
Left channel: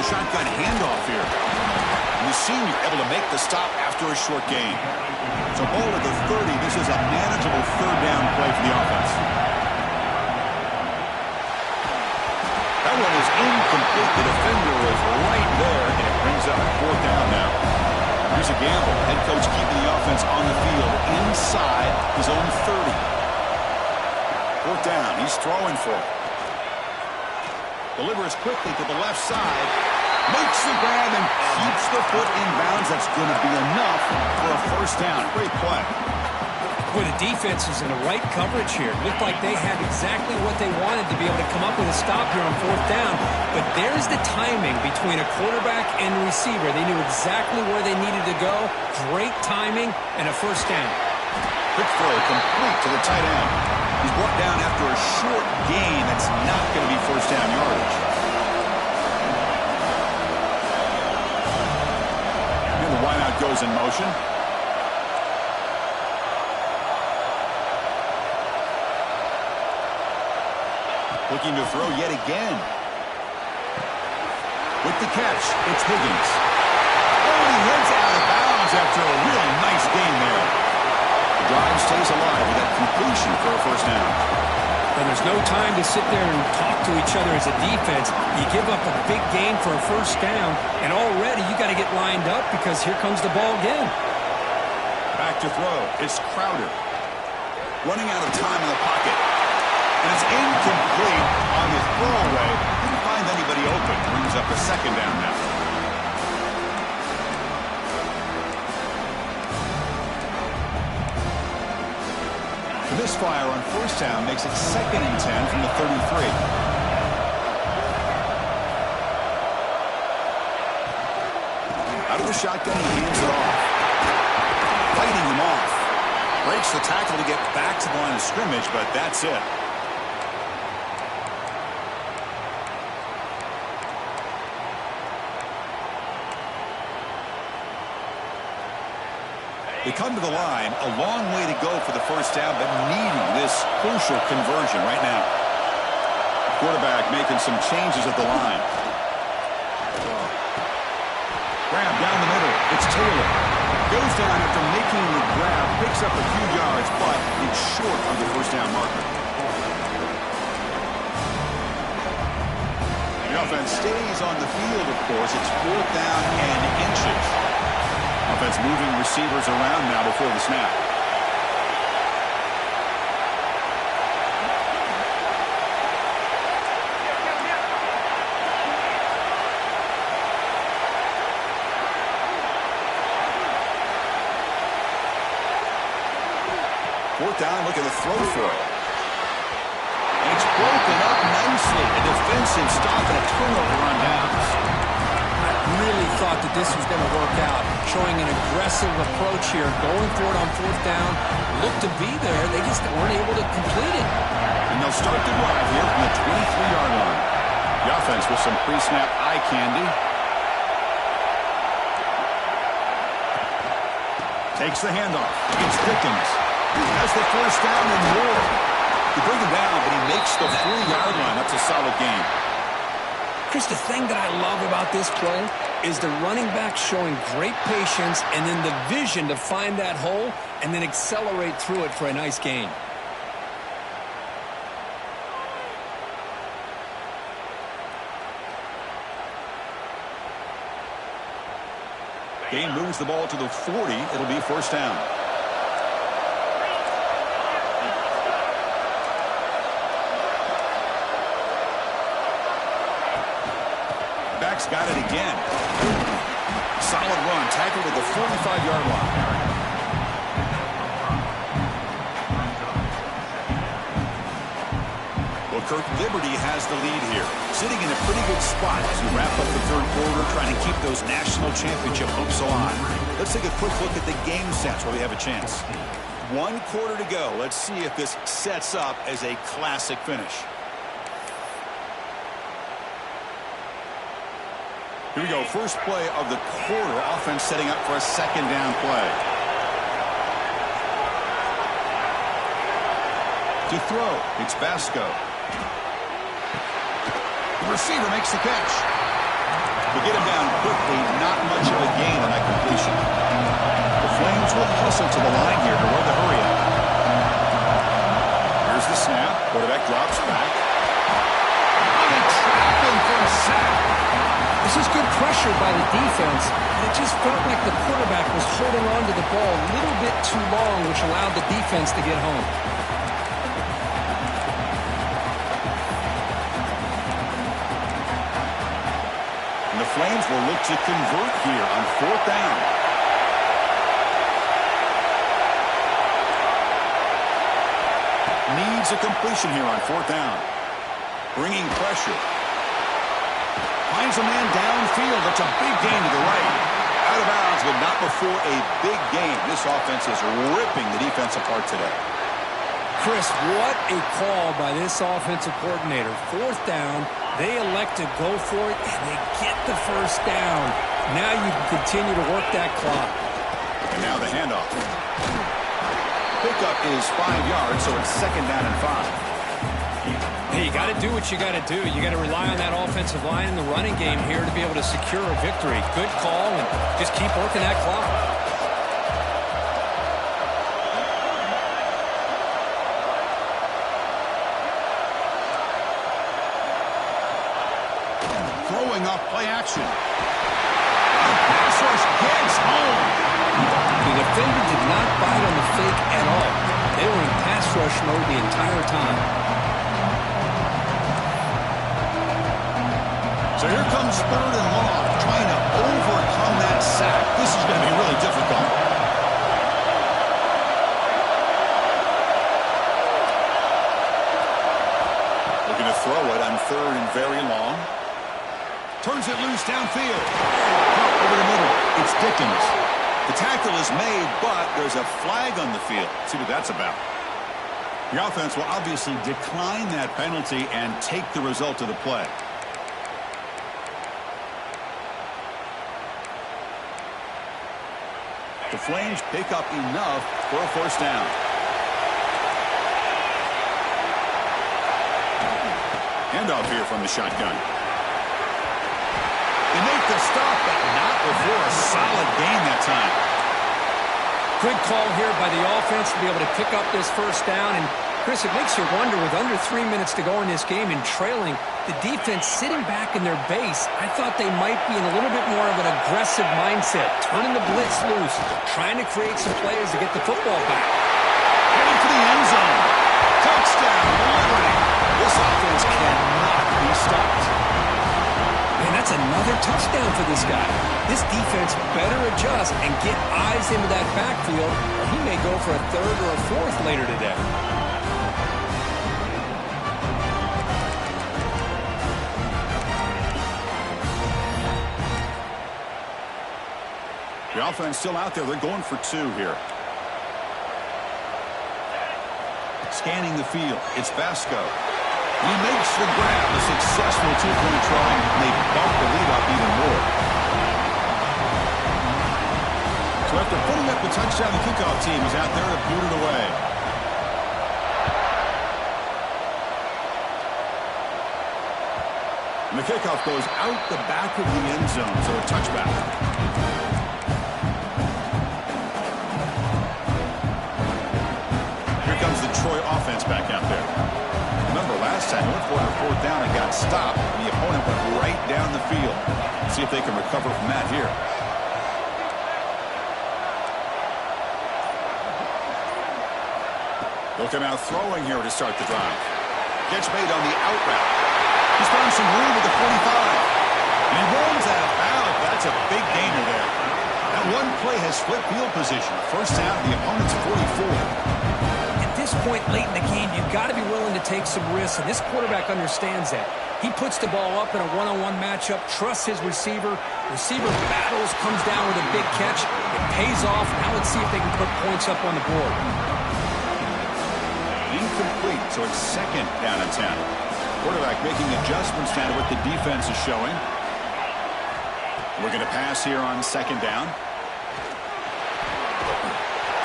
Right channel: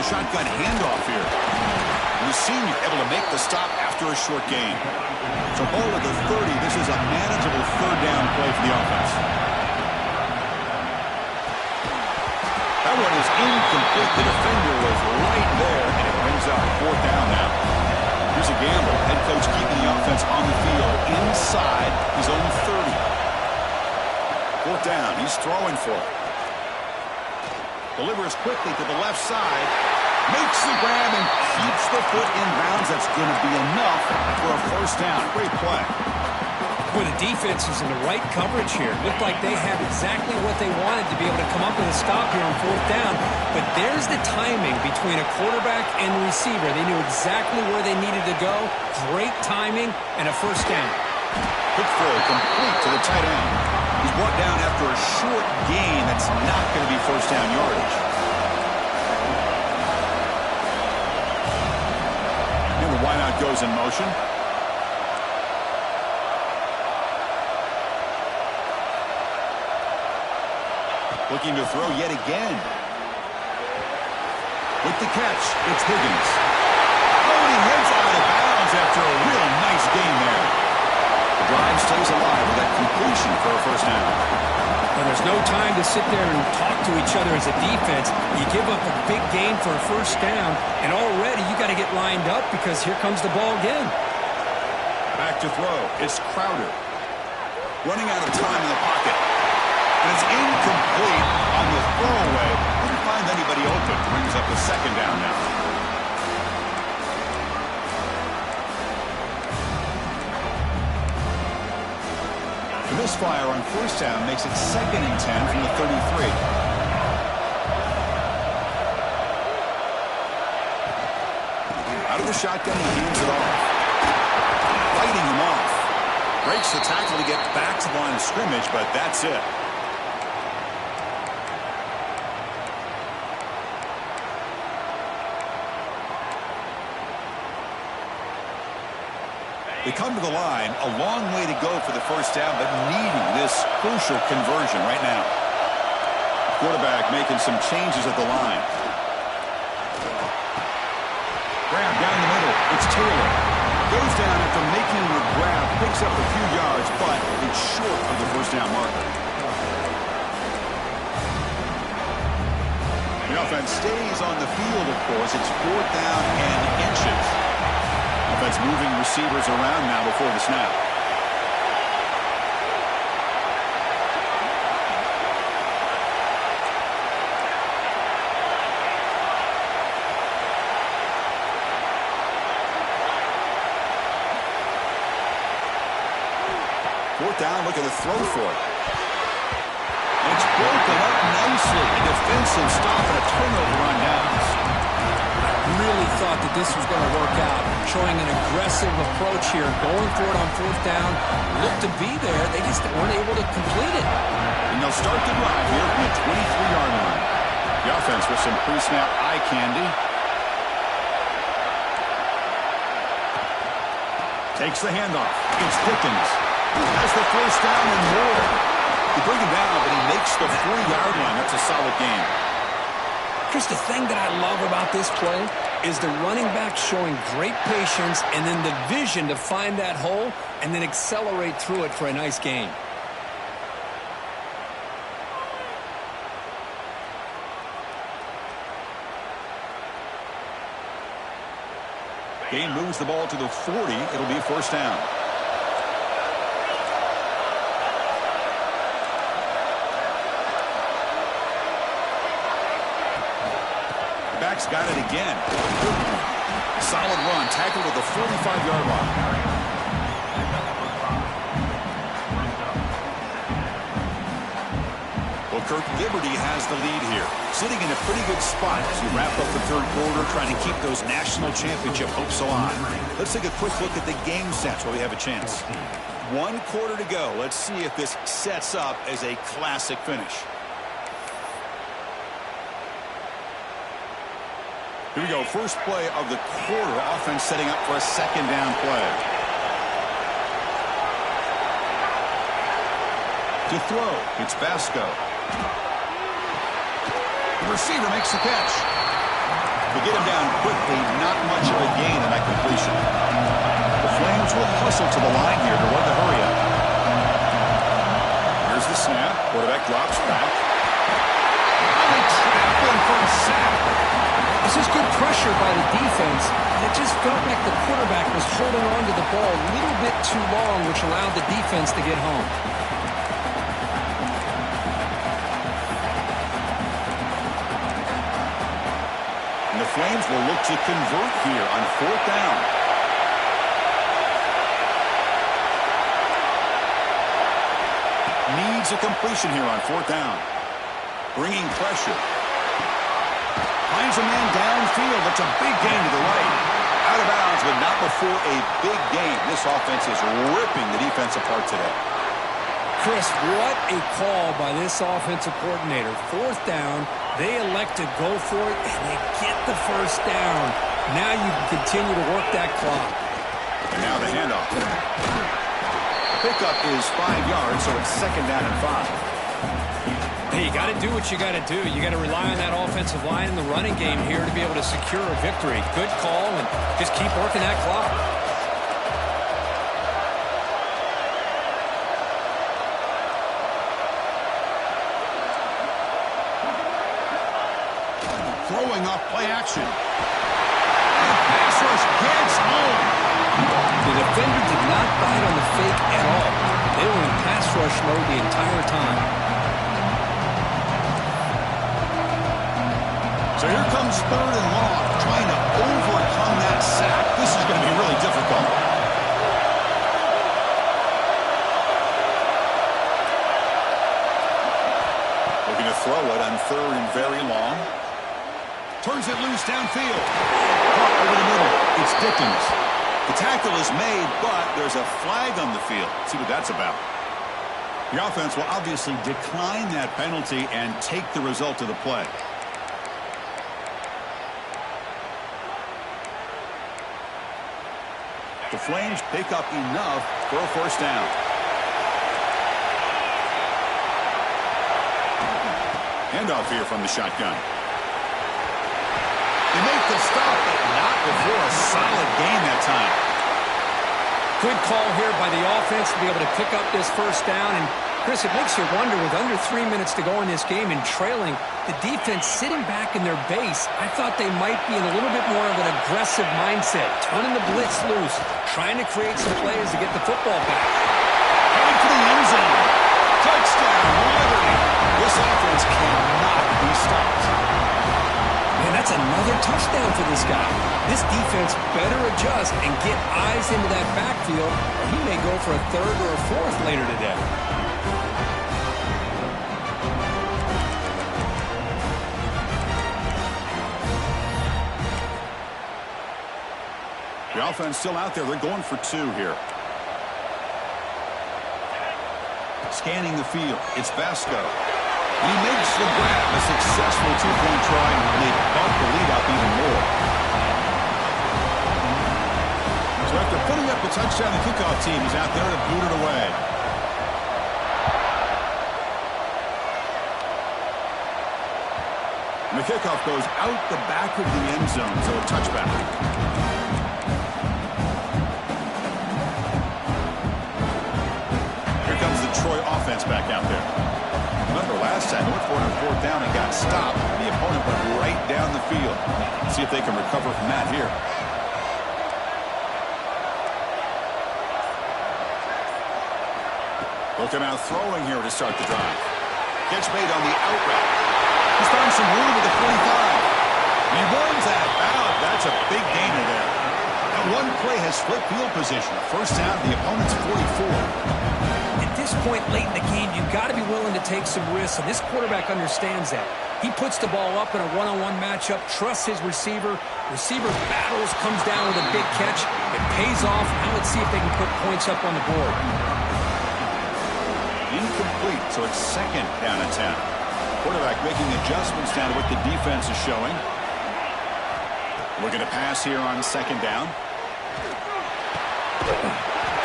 The shotgun handoff here. And the senior able to make the stop after a short gain. So ball at the 30. This is a manageable third down play for the offense. That one is incomplete. The defender was right there, and it brings up fourth down now. Here's a gamble. Head coach keeping the offense on the field inside his own 30. Fourth down. He's throwing for it. Delivers quickly to the left side. Makes the grab and keeps the foot in bounds. That's going to be enough for a first down. Great play. Boy, the defense is in the right coverage here. It looked like they had exactly what they wanted to be able to come up with a stop here on fourth down. But there's the timing between a quarterback and receiver. They knew exactly where they needed to go. Great timing and a first down. Quick throw complete to the tight end. He's brought down after a short gain. That's not going to be first down yardage. And the wideout goes in motion. Looking to throw yet again. With the catch, it's Higgins. Oh, and he heads out of bounds after a real nice gain there. The drive stays alive with that completion for a first down. Well, there's no time to sit there and talk to each other as a defense. You give up a big gain for a first down, and already you got to get lined up because here comes the ball again. Back to throw. It's Crowder. Running out of time in the pocket. And it's incomplete on the throwaway. Didn't find anybody open. Brings up a second down now. The misfire on first down makes it 2nd and 10 from the 33. Out of the shotgun, he hands it off. Fighting him off. Breaks the tackle to get back to the line of scrimmage, but that's it. They come to the line, a long way to go for the first down, but needing this crucial conversion right now. Quarterback making some changes at the line. Grab down the middle. It's Taylor. Goes down after making the grab, picks up a few yards, but it's short of the first down marker. The offense stays on the field, of course. It's fourth down and inches. Offense moving receivers around now before the snap. Fourth down, look at the throw for it. And it's broken up nicely. A defensive stop and a turnover on downs. I really thought that this was going to work out, showing an aggressive approach here, going for it on fourth down. Looked to be there. They just weren't able to complete it. And they'll start the drive here from the 23-yard line. The offense with some pre-snap eye candy. Takes the handoff. It's Dickens. Has the first down and more. They bring him down, but he makes the 3-yard line. That's a solid gain. Chris, the thing that I love about this play is the running back showing great patience and then the vision to find that hole and then accelerate through it for a nice gain. Gain moves the ball to the 40. It'll be first down. Back's got it again. Solid run. Tackle to the 45-yard line. Well, Kirk, Liberty has the lead here. Sitting in a pretty good spot as you wrap up the third quarter, trying to keep those national championship hopes alive. Let's take a quick look at the game sets where we have a chance. 1 quarter to go. Let's see if this sets up as a classic finish. Here we go. First play of the quarter. Offense setting up for a second down play. To throw, it's Vasco. The receiver makes the catch. They get him down quickly, not much of a gain on that completion. The Flames will hustle to the line here to run the hurry up. Here's the snap. Quarterback drops back. Oh, they trap him for a sack. This is good pressure by the defense, and it just felt like the quarterback was holding on to the ball a little bit too long, which allowed the defense to get home. And the Flames will look to convert here on 4th down. Needs a completion here on 4th down. Bringing pressure. Finds a man downfield. That's a big gain to the right. Out of bounds, but not before a big gain. This offense is ripping the defense apart today. Chris, what a call by this offensive coordinator. 4th down, they elect to go for it, and they get the 1st down. Now you can continue to work that clock. And now the handoff. Pickup is 5 yards, so it's 2nd down and 5. Hey, you got to do what you got to do. You got to rely on that offensive line in the running game here to be able to secure a victory. Good call, and just keep working that clock. Throwing off play action. The pass rush gets home. The defender did not bite on the fake at all. They were in pass rush mode the entire time. So here comes 3rd and long, trying to overcome that sack. This is going to be really difficult. Looking to throw it on 3rd and very long. Turns it loose downfield. Caught over the middle. It's Dickens. The tackle is made, but there's a flag on the field. Let's see what that's about. The offense will obviously decline that penalty and take the result of the play. The Flames pick up enough for a 1st down. Handoff here from the shotgun. They make the stop, but not before a solid gain that time. Good call here by the offense to be able to pick up this 1st down. And, Chris, it makes you wonder, with under 3 minutes to go in this game and trailing, the defense sitting back in their base, I thought they might be in a little bit more of an aggressive mindset, turning the blitz loose, trying to create some plays to get the football back. Heading for the end zone. Touchdown, Liberty. This offense cannot be stopped. Man, that's another touchdown for this guy. This defense better adjust and get eyes into that backfield, or he may go for a 3rd or a 4th later today. The offense still out there. They're going for 2 here. Scanning the field. It's Vasco. He makes the grab. A successful 2-point try, and they bump the lead up even more. So after putting up the touchdown, the kickoff team is out there to boot it away. And the kickoff goes out the back of the end zone, so a touchback. Here comes the Troy offense back out there. Remember last time they went for it on 4th down and got stopped. The opponent went right down the field. Let's see if they can recover from that here. Looking out throwing here to start the drive. Catch made on the out route. He's found some room with the 45. And he runs that out. That's a big gainer there. That one play has flipped field position. 1st down, the opponent's 44. At this point late in the game, you've got to be willing to take some risks, and this quarterback understands that. He puts the ball up in a one-on-one matchup, trusts his receiver. Receiver battles, comes down with a big catch. It pays off. Now let's see if they can put points up on the board. Incomplete, so it's 2nd down and 10. Quarterback making adjustments down to what the defense is showing. Looking to pass here on 2nd down.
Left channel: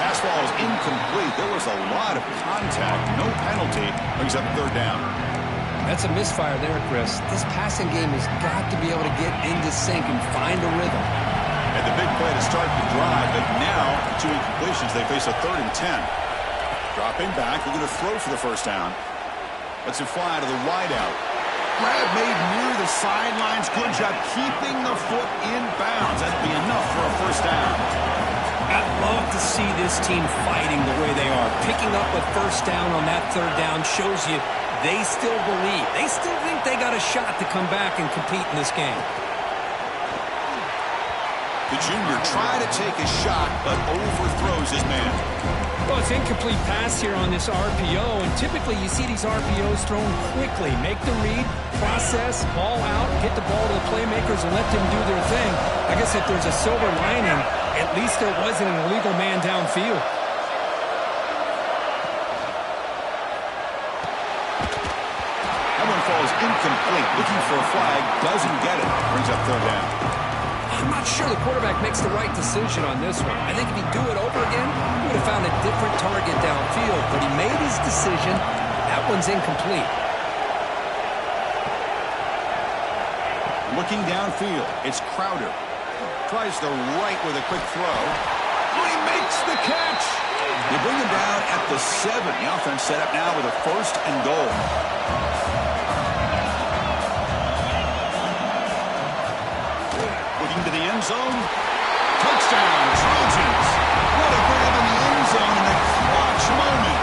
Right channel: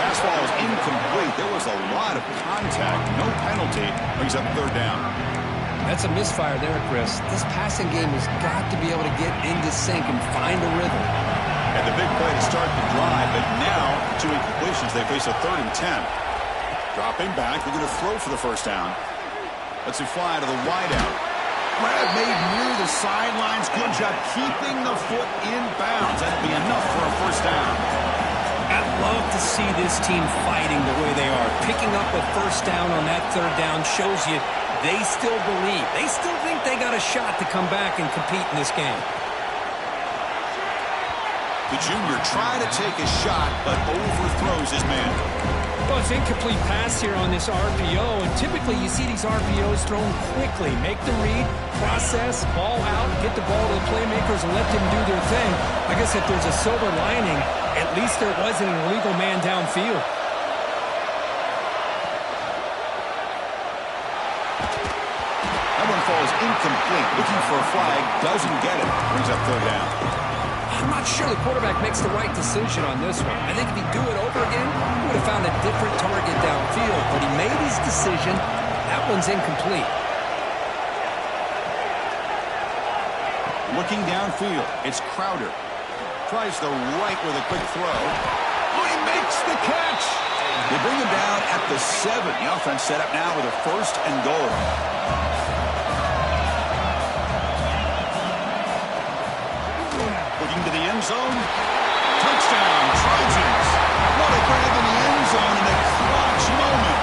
Pass ball is incomplete. There was a lot of contact. No penalty. Brings up 3rd down. That's a misfire there, Chris. This passing game has got to be able to get into sync and find a rhythm. And the big play to start the drive, but now, the 2 incompletions, they face a 3rd and 10. Dropping back, they're going to throw for the first down. Let's it fly to the wideout. Grab made near the sidelines. Good job keeping the foot in bounds. That'll be enough for a first down. I'd love to see this team fighting the way they are. Picking up a first down on that 3rd down shows you they still believe. They still think they got a shot to come back and compete in this game. The junior trying to take a shot, but overthrows his man. Well, it's incomplete pass here on this RPO, and typically you see these RPOs thrown quickly. Make the read, process, ball out, get the ball to the playmakers and let them do their thing. I guess if there's a silver lining, at least there wasn't an illegal man downfield. That one falls incomplete. Looking for a flag, doesn't get it. Brings up 3rd down. I'm not sure the quarterback makes the right decision on this one. I think if he'd do it over again, he would have found a different target downfield. But he made his decision. That one's incomplete. Looking downfield, it's Crowder. Tries the right with a quick throw. Oh, he makes the catch. They bring him down at the 7. The offense set up now with a 1st and goal. Looking to the end zone. Touchdown, Trojans. What a grab in the end zone in a clutch moment.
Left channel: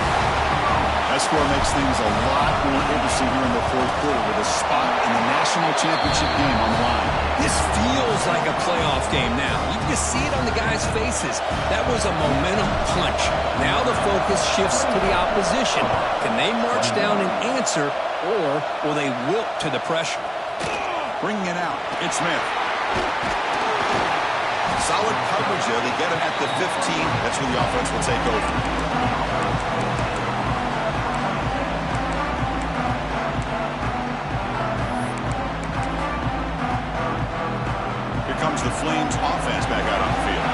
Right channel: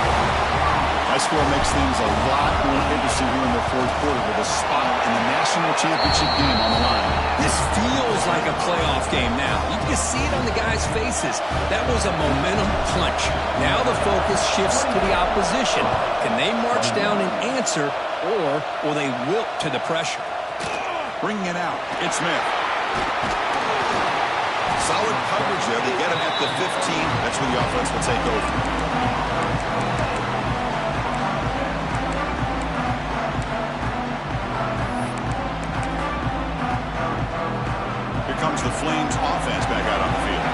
That score makes things a lot more interesting here in the 4th quarter with a spot in the national championship game on the line. This feels like a playoff game now. You can just see it on the guys' faces. That was a momentum punch. Now the focus shifts to the opposition. Can they march down and answer, or will they wilt to the pressure? Bringing it out, it's Smith. Solid coverage there. They get him at the 15. That's where the offense will take over. Here comes the Flames offense back out on the field.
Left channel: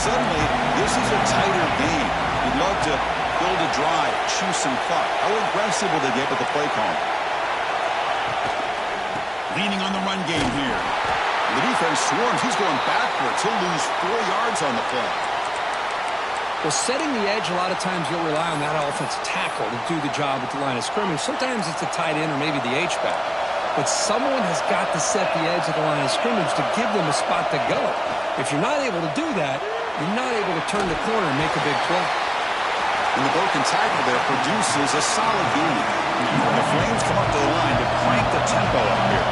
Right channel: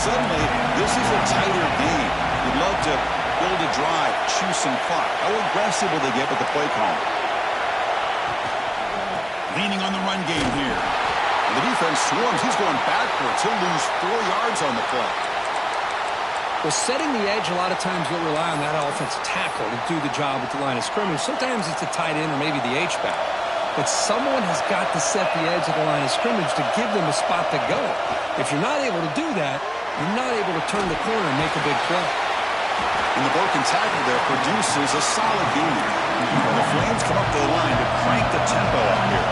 Suddenly, this is a tighter game. You'd love to build a drive, choose some clock. How aggressive will they get with the play call? Leaning on the run game here. The defense swarms. He's going backwards. He'll lose 4 yards on the play. Well, setting the edge, a lot of times you'll rely on that offensive tackle to do the job at the line of scrimmage. Sometimes it's a tight end or maybe the H-back. But someone has got to set the edge of the line of scrimmage to give them a spot to go. If you're not able to do that, you're not able to turn the corner and make a big play. And the broken tackle there produces a solid gain. And the Flames come up to the line to crank the tempo up here.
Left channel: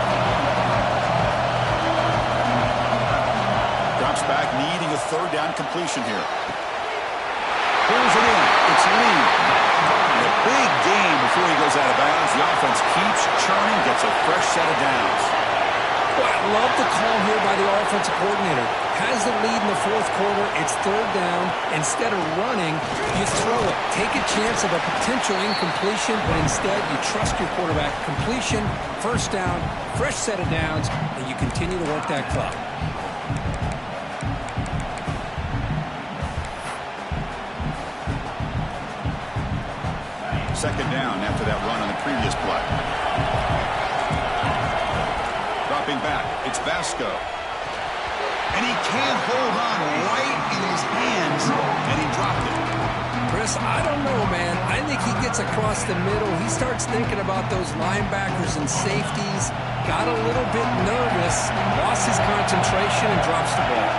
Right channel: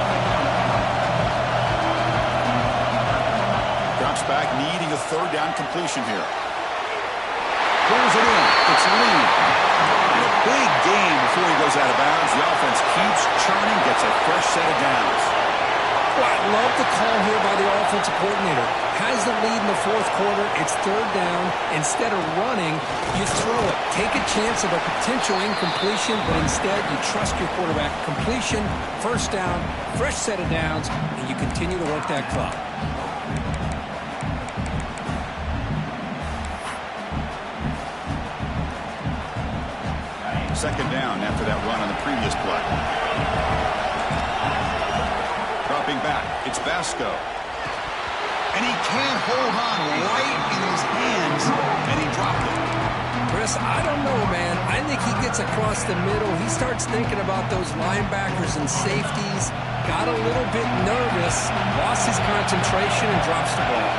Drops back, needing a 3rd down completion here. Pulls it in. It's Lee. And a big game before he goes out of bounds. The offense keeps churning, gets a fresh set of downs. Well, I love the call here by the offensive coordinator. Has the lead in the 4th quarter. It's 3rd down. Instead of running, you throw it. Take a chance of a potential incompletion, but instead you trust your quarterback. Completion, 1st down, fresh set of downs, and you continue to work that clock. 2nd down after that run on the previous play. Dropping back, it's Vasco. And he can't hold on right in his hands, and he dropped it. Chris, I don't know, man. I think he gets across the middle. He starts thinking about those linebackers and safeties. Got a little bit nervous, lost his concentration, and drops the ball.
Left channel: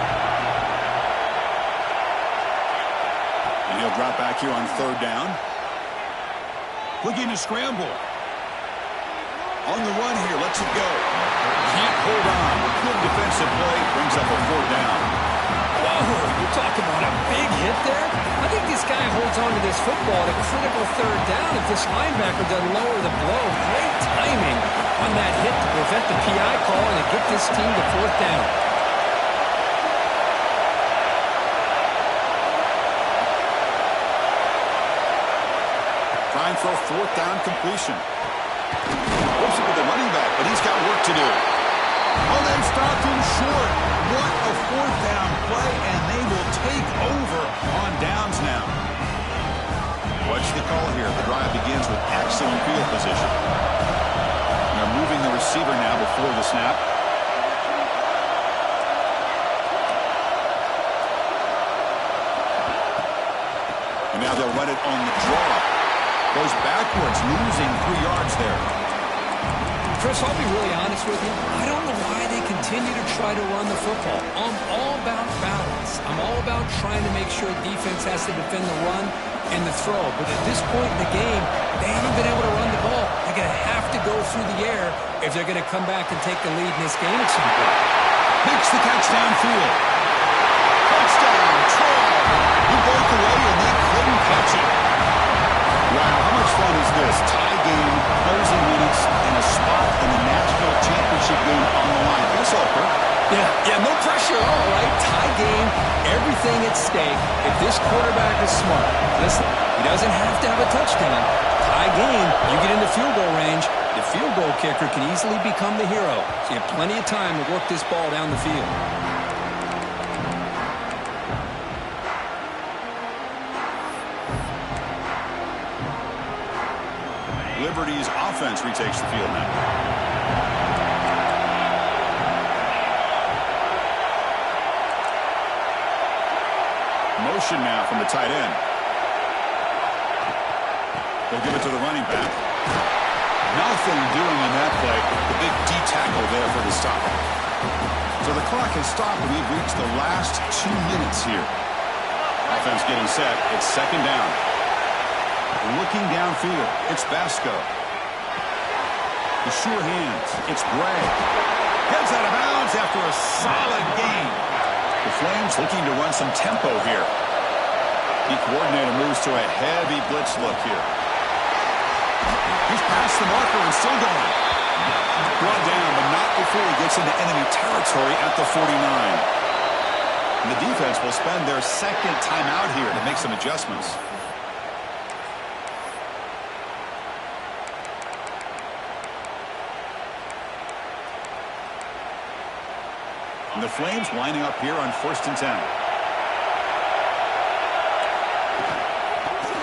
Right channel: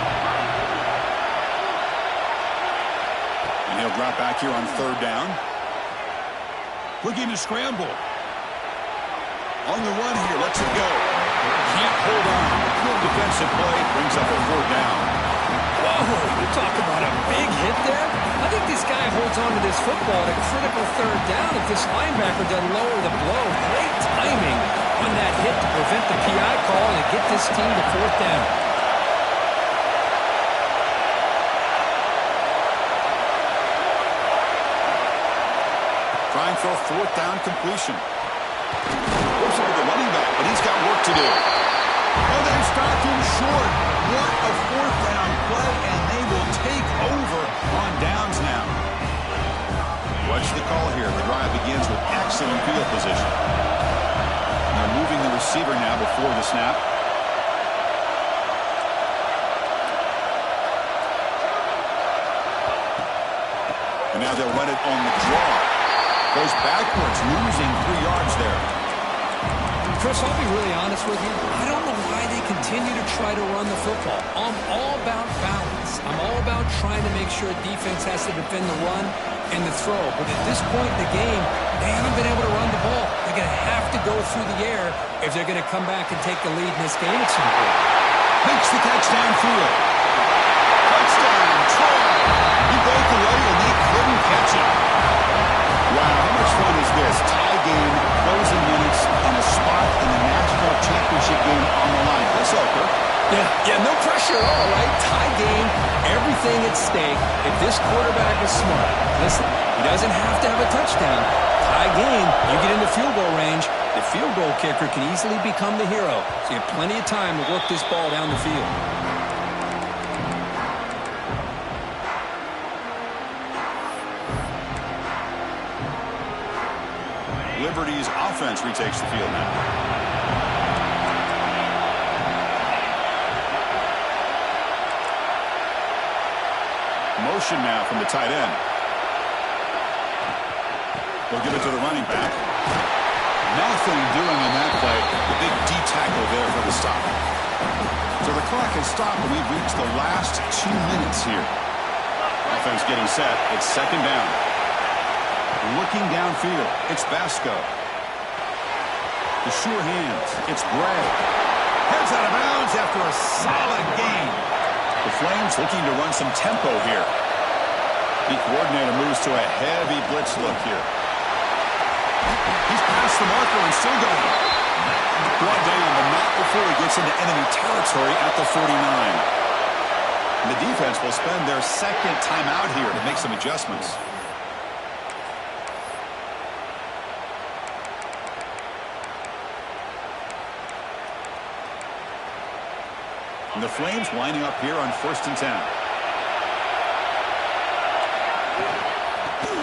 And he'll drop back here on 3rd down. Looking to scramble. On the run here, lets it go. Can't hold on. Good defensive play, brings up a 4th down. Whoa, you talk about a big hit there. I think this guy holds on to this football at a critical 3rd down if this linebacker doesn't lower the blow. Great timing on that hit to prevent the PI call and to get this team to 4th down. Trying for a 4th down completion. Whoops it with the running back, but he's got work to do. Oh, they stopped him short. What a 4th down play, and they will take over on downs now. Watch the call here. The drive begins with excellent field position. They're moving the receiver now before the snap. And now they'll run it on the draw. Goes backwards, losing 3 yards there. Chris, I'll be really honest with you. I don't know why they continue to try to run the football. I'm all about balance. I'm all about trying to make sure defense has to defend the run and the throw. But at this point in the game, they haven't been able to run the ball. They're going to have to go through the air if they're going to come back and take the lead in this game at some point. Makes the catch downfield. Touchdown, Troy. He broke away and they couldn't catch him. Wow, how much fun is this? Tie game, closing minutes, and a spot in the national championship game on the line. That's all, Kirk. Yeah, no pressure at all, right? Tie game, everything at stake. If this quarterback is smart, listen, he doesn't have to have a touchdown. Tie game, you get into field goal range, the field goal kicker can easily become the hero. So you have plenty of time to work this ball down the field. Liberty's offense retakes the field now. Motion now from the tight end. They'll give it to the running back. Nothing doing on that play. The big D tackle there for the stop. So the clock has stopped and we've reached the last 2 minutes here. Offense getting set. It's second down. Looking downfield, it's Basco. The sure hands, it's Bray. Heads out of bounds after a solid gain. The Flames looking to run some tempo here. The coordinator moves to a heavy blitz look here. He's past the marker and still going. Brought down, but not before he gets into enemy territory at the 49. And the defense will spend their second timeout here to make some adjustments. And the Flames lining up here on 1st and 10.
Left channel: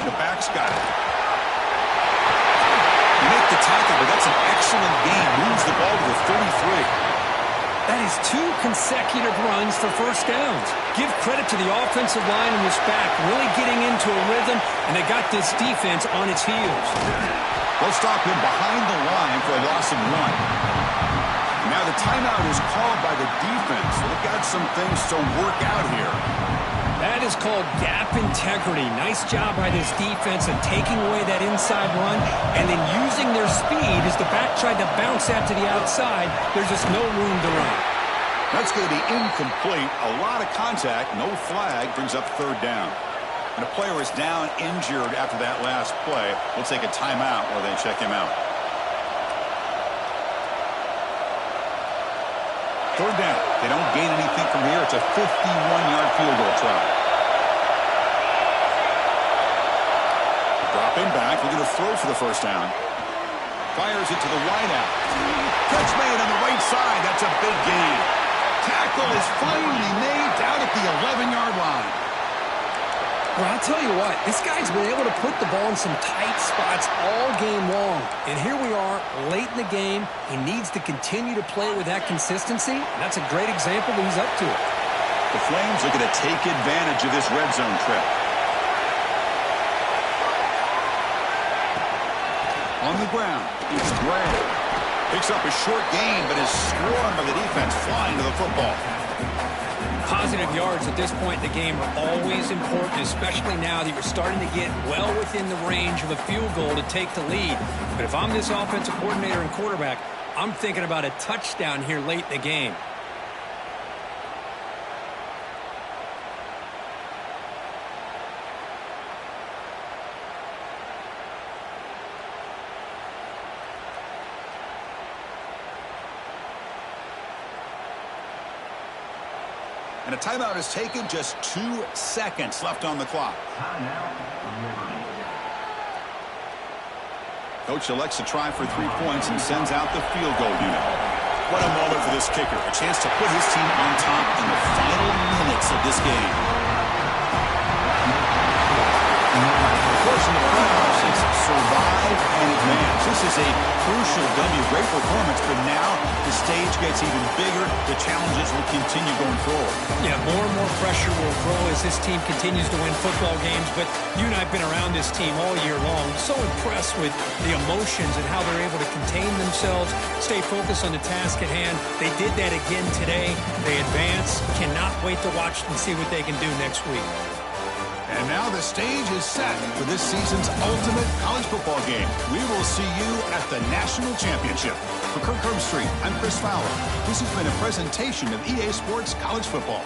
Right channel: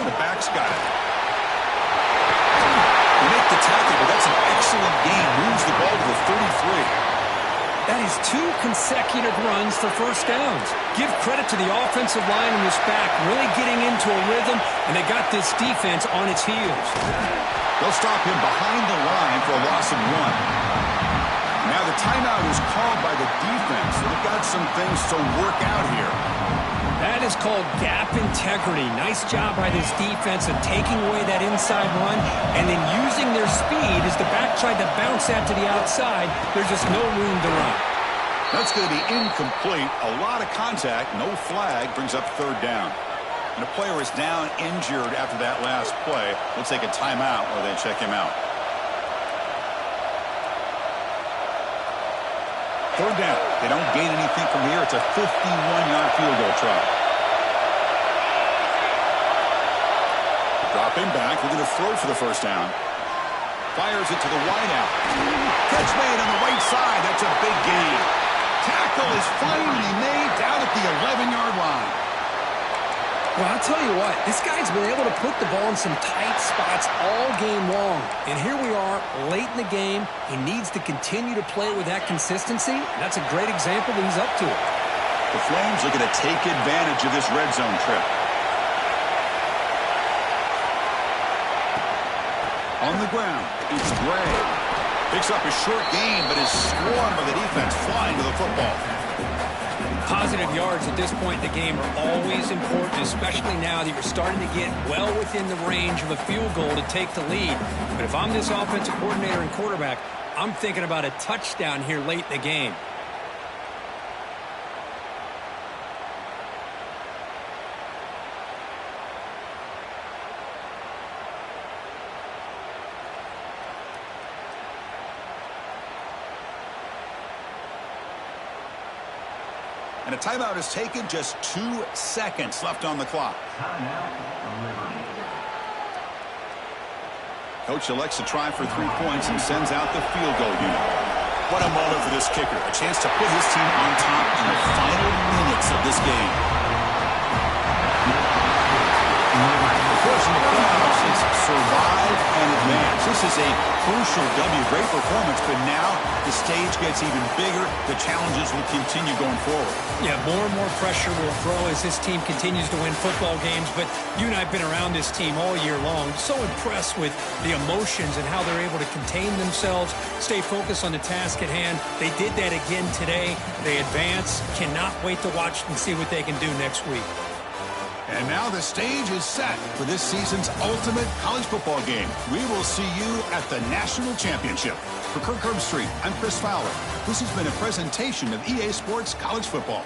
The back's got it. They make the tackle, but that's an excellent gain. Moves the ball to the 33. That is 2 consecutive runs for first downs. Give credit to the offensive line and this back really getting into a rhythm, and they got this defense on its heels. They'll stop him behind the line for a loss of 1. Now the timeout is called by the defense. So they've got some things to work out here. That is called gap integrity. Nice job by this defense of taking away that inside run and then using their speed as the back tried to bounce that to the outside. There's just no room to run. That's going to be incomplete. A lot of contact. No flag. Brings up 3rd down. And a player is down injured after that last play. We'll take a timeout while they check him out. 3rd down. They don't gain anything from here. It's a 51-yard field goal try. Dropping back, looking to throw for the 1st down. Fires it to the wideout. Catch made on the right side. That's a big gain. Tackle is finally made down at the 11-yard line. Well, I'll tell you what, this guy's been able to put the ball in some tight spots all game long. And here we are, late in the game. He needs to continue to play with that consistency. And that's a great example that he's up to it. The Flames looking to take advantage of this red zone trip. On the ground, it's Gray. Picks up a short gain, but is swarmed by the defense flying to the football. Positive yards at this point in the game are always important, especially now that you're starting to get well within the range of a field goal to take the lead. But if I'm this offensive coordinator and quarterback, I'm thinking about a touchdown here late in the game. And a timeout is taken, just 2 seconds left on the clock. Coach elects to try for 3 points and sends out the field goal unit. What a moment for this kicker. A chance to put his team on top in the final minutes of this game. Of course, in the playoffs, it's survive and advance. This is a crucial W. Great performance, but now the stage gets even bigger. The challenges will continue going forward. Yeah, more and more pressure will grow as this team continues to win football games. But you and I have been around this team all year long. So impressed with the emotions and how they're able to contain themselves, stay focused on the task at hand. They did that again today. They advance. Cannot wait to watch and see what they can do next week. And now the stage is set for this season's ultimate college football game. We will see you at the National Championship. For Kirk Herbstreit, I'm Chris Fowler. This has been a presentation of EA Sports College Football.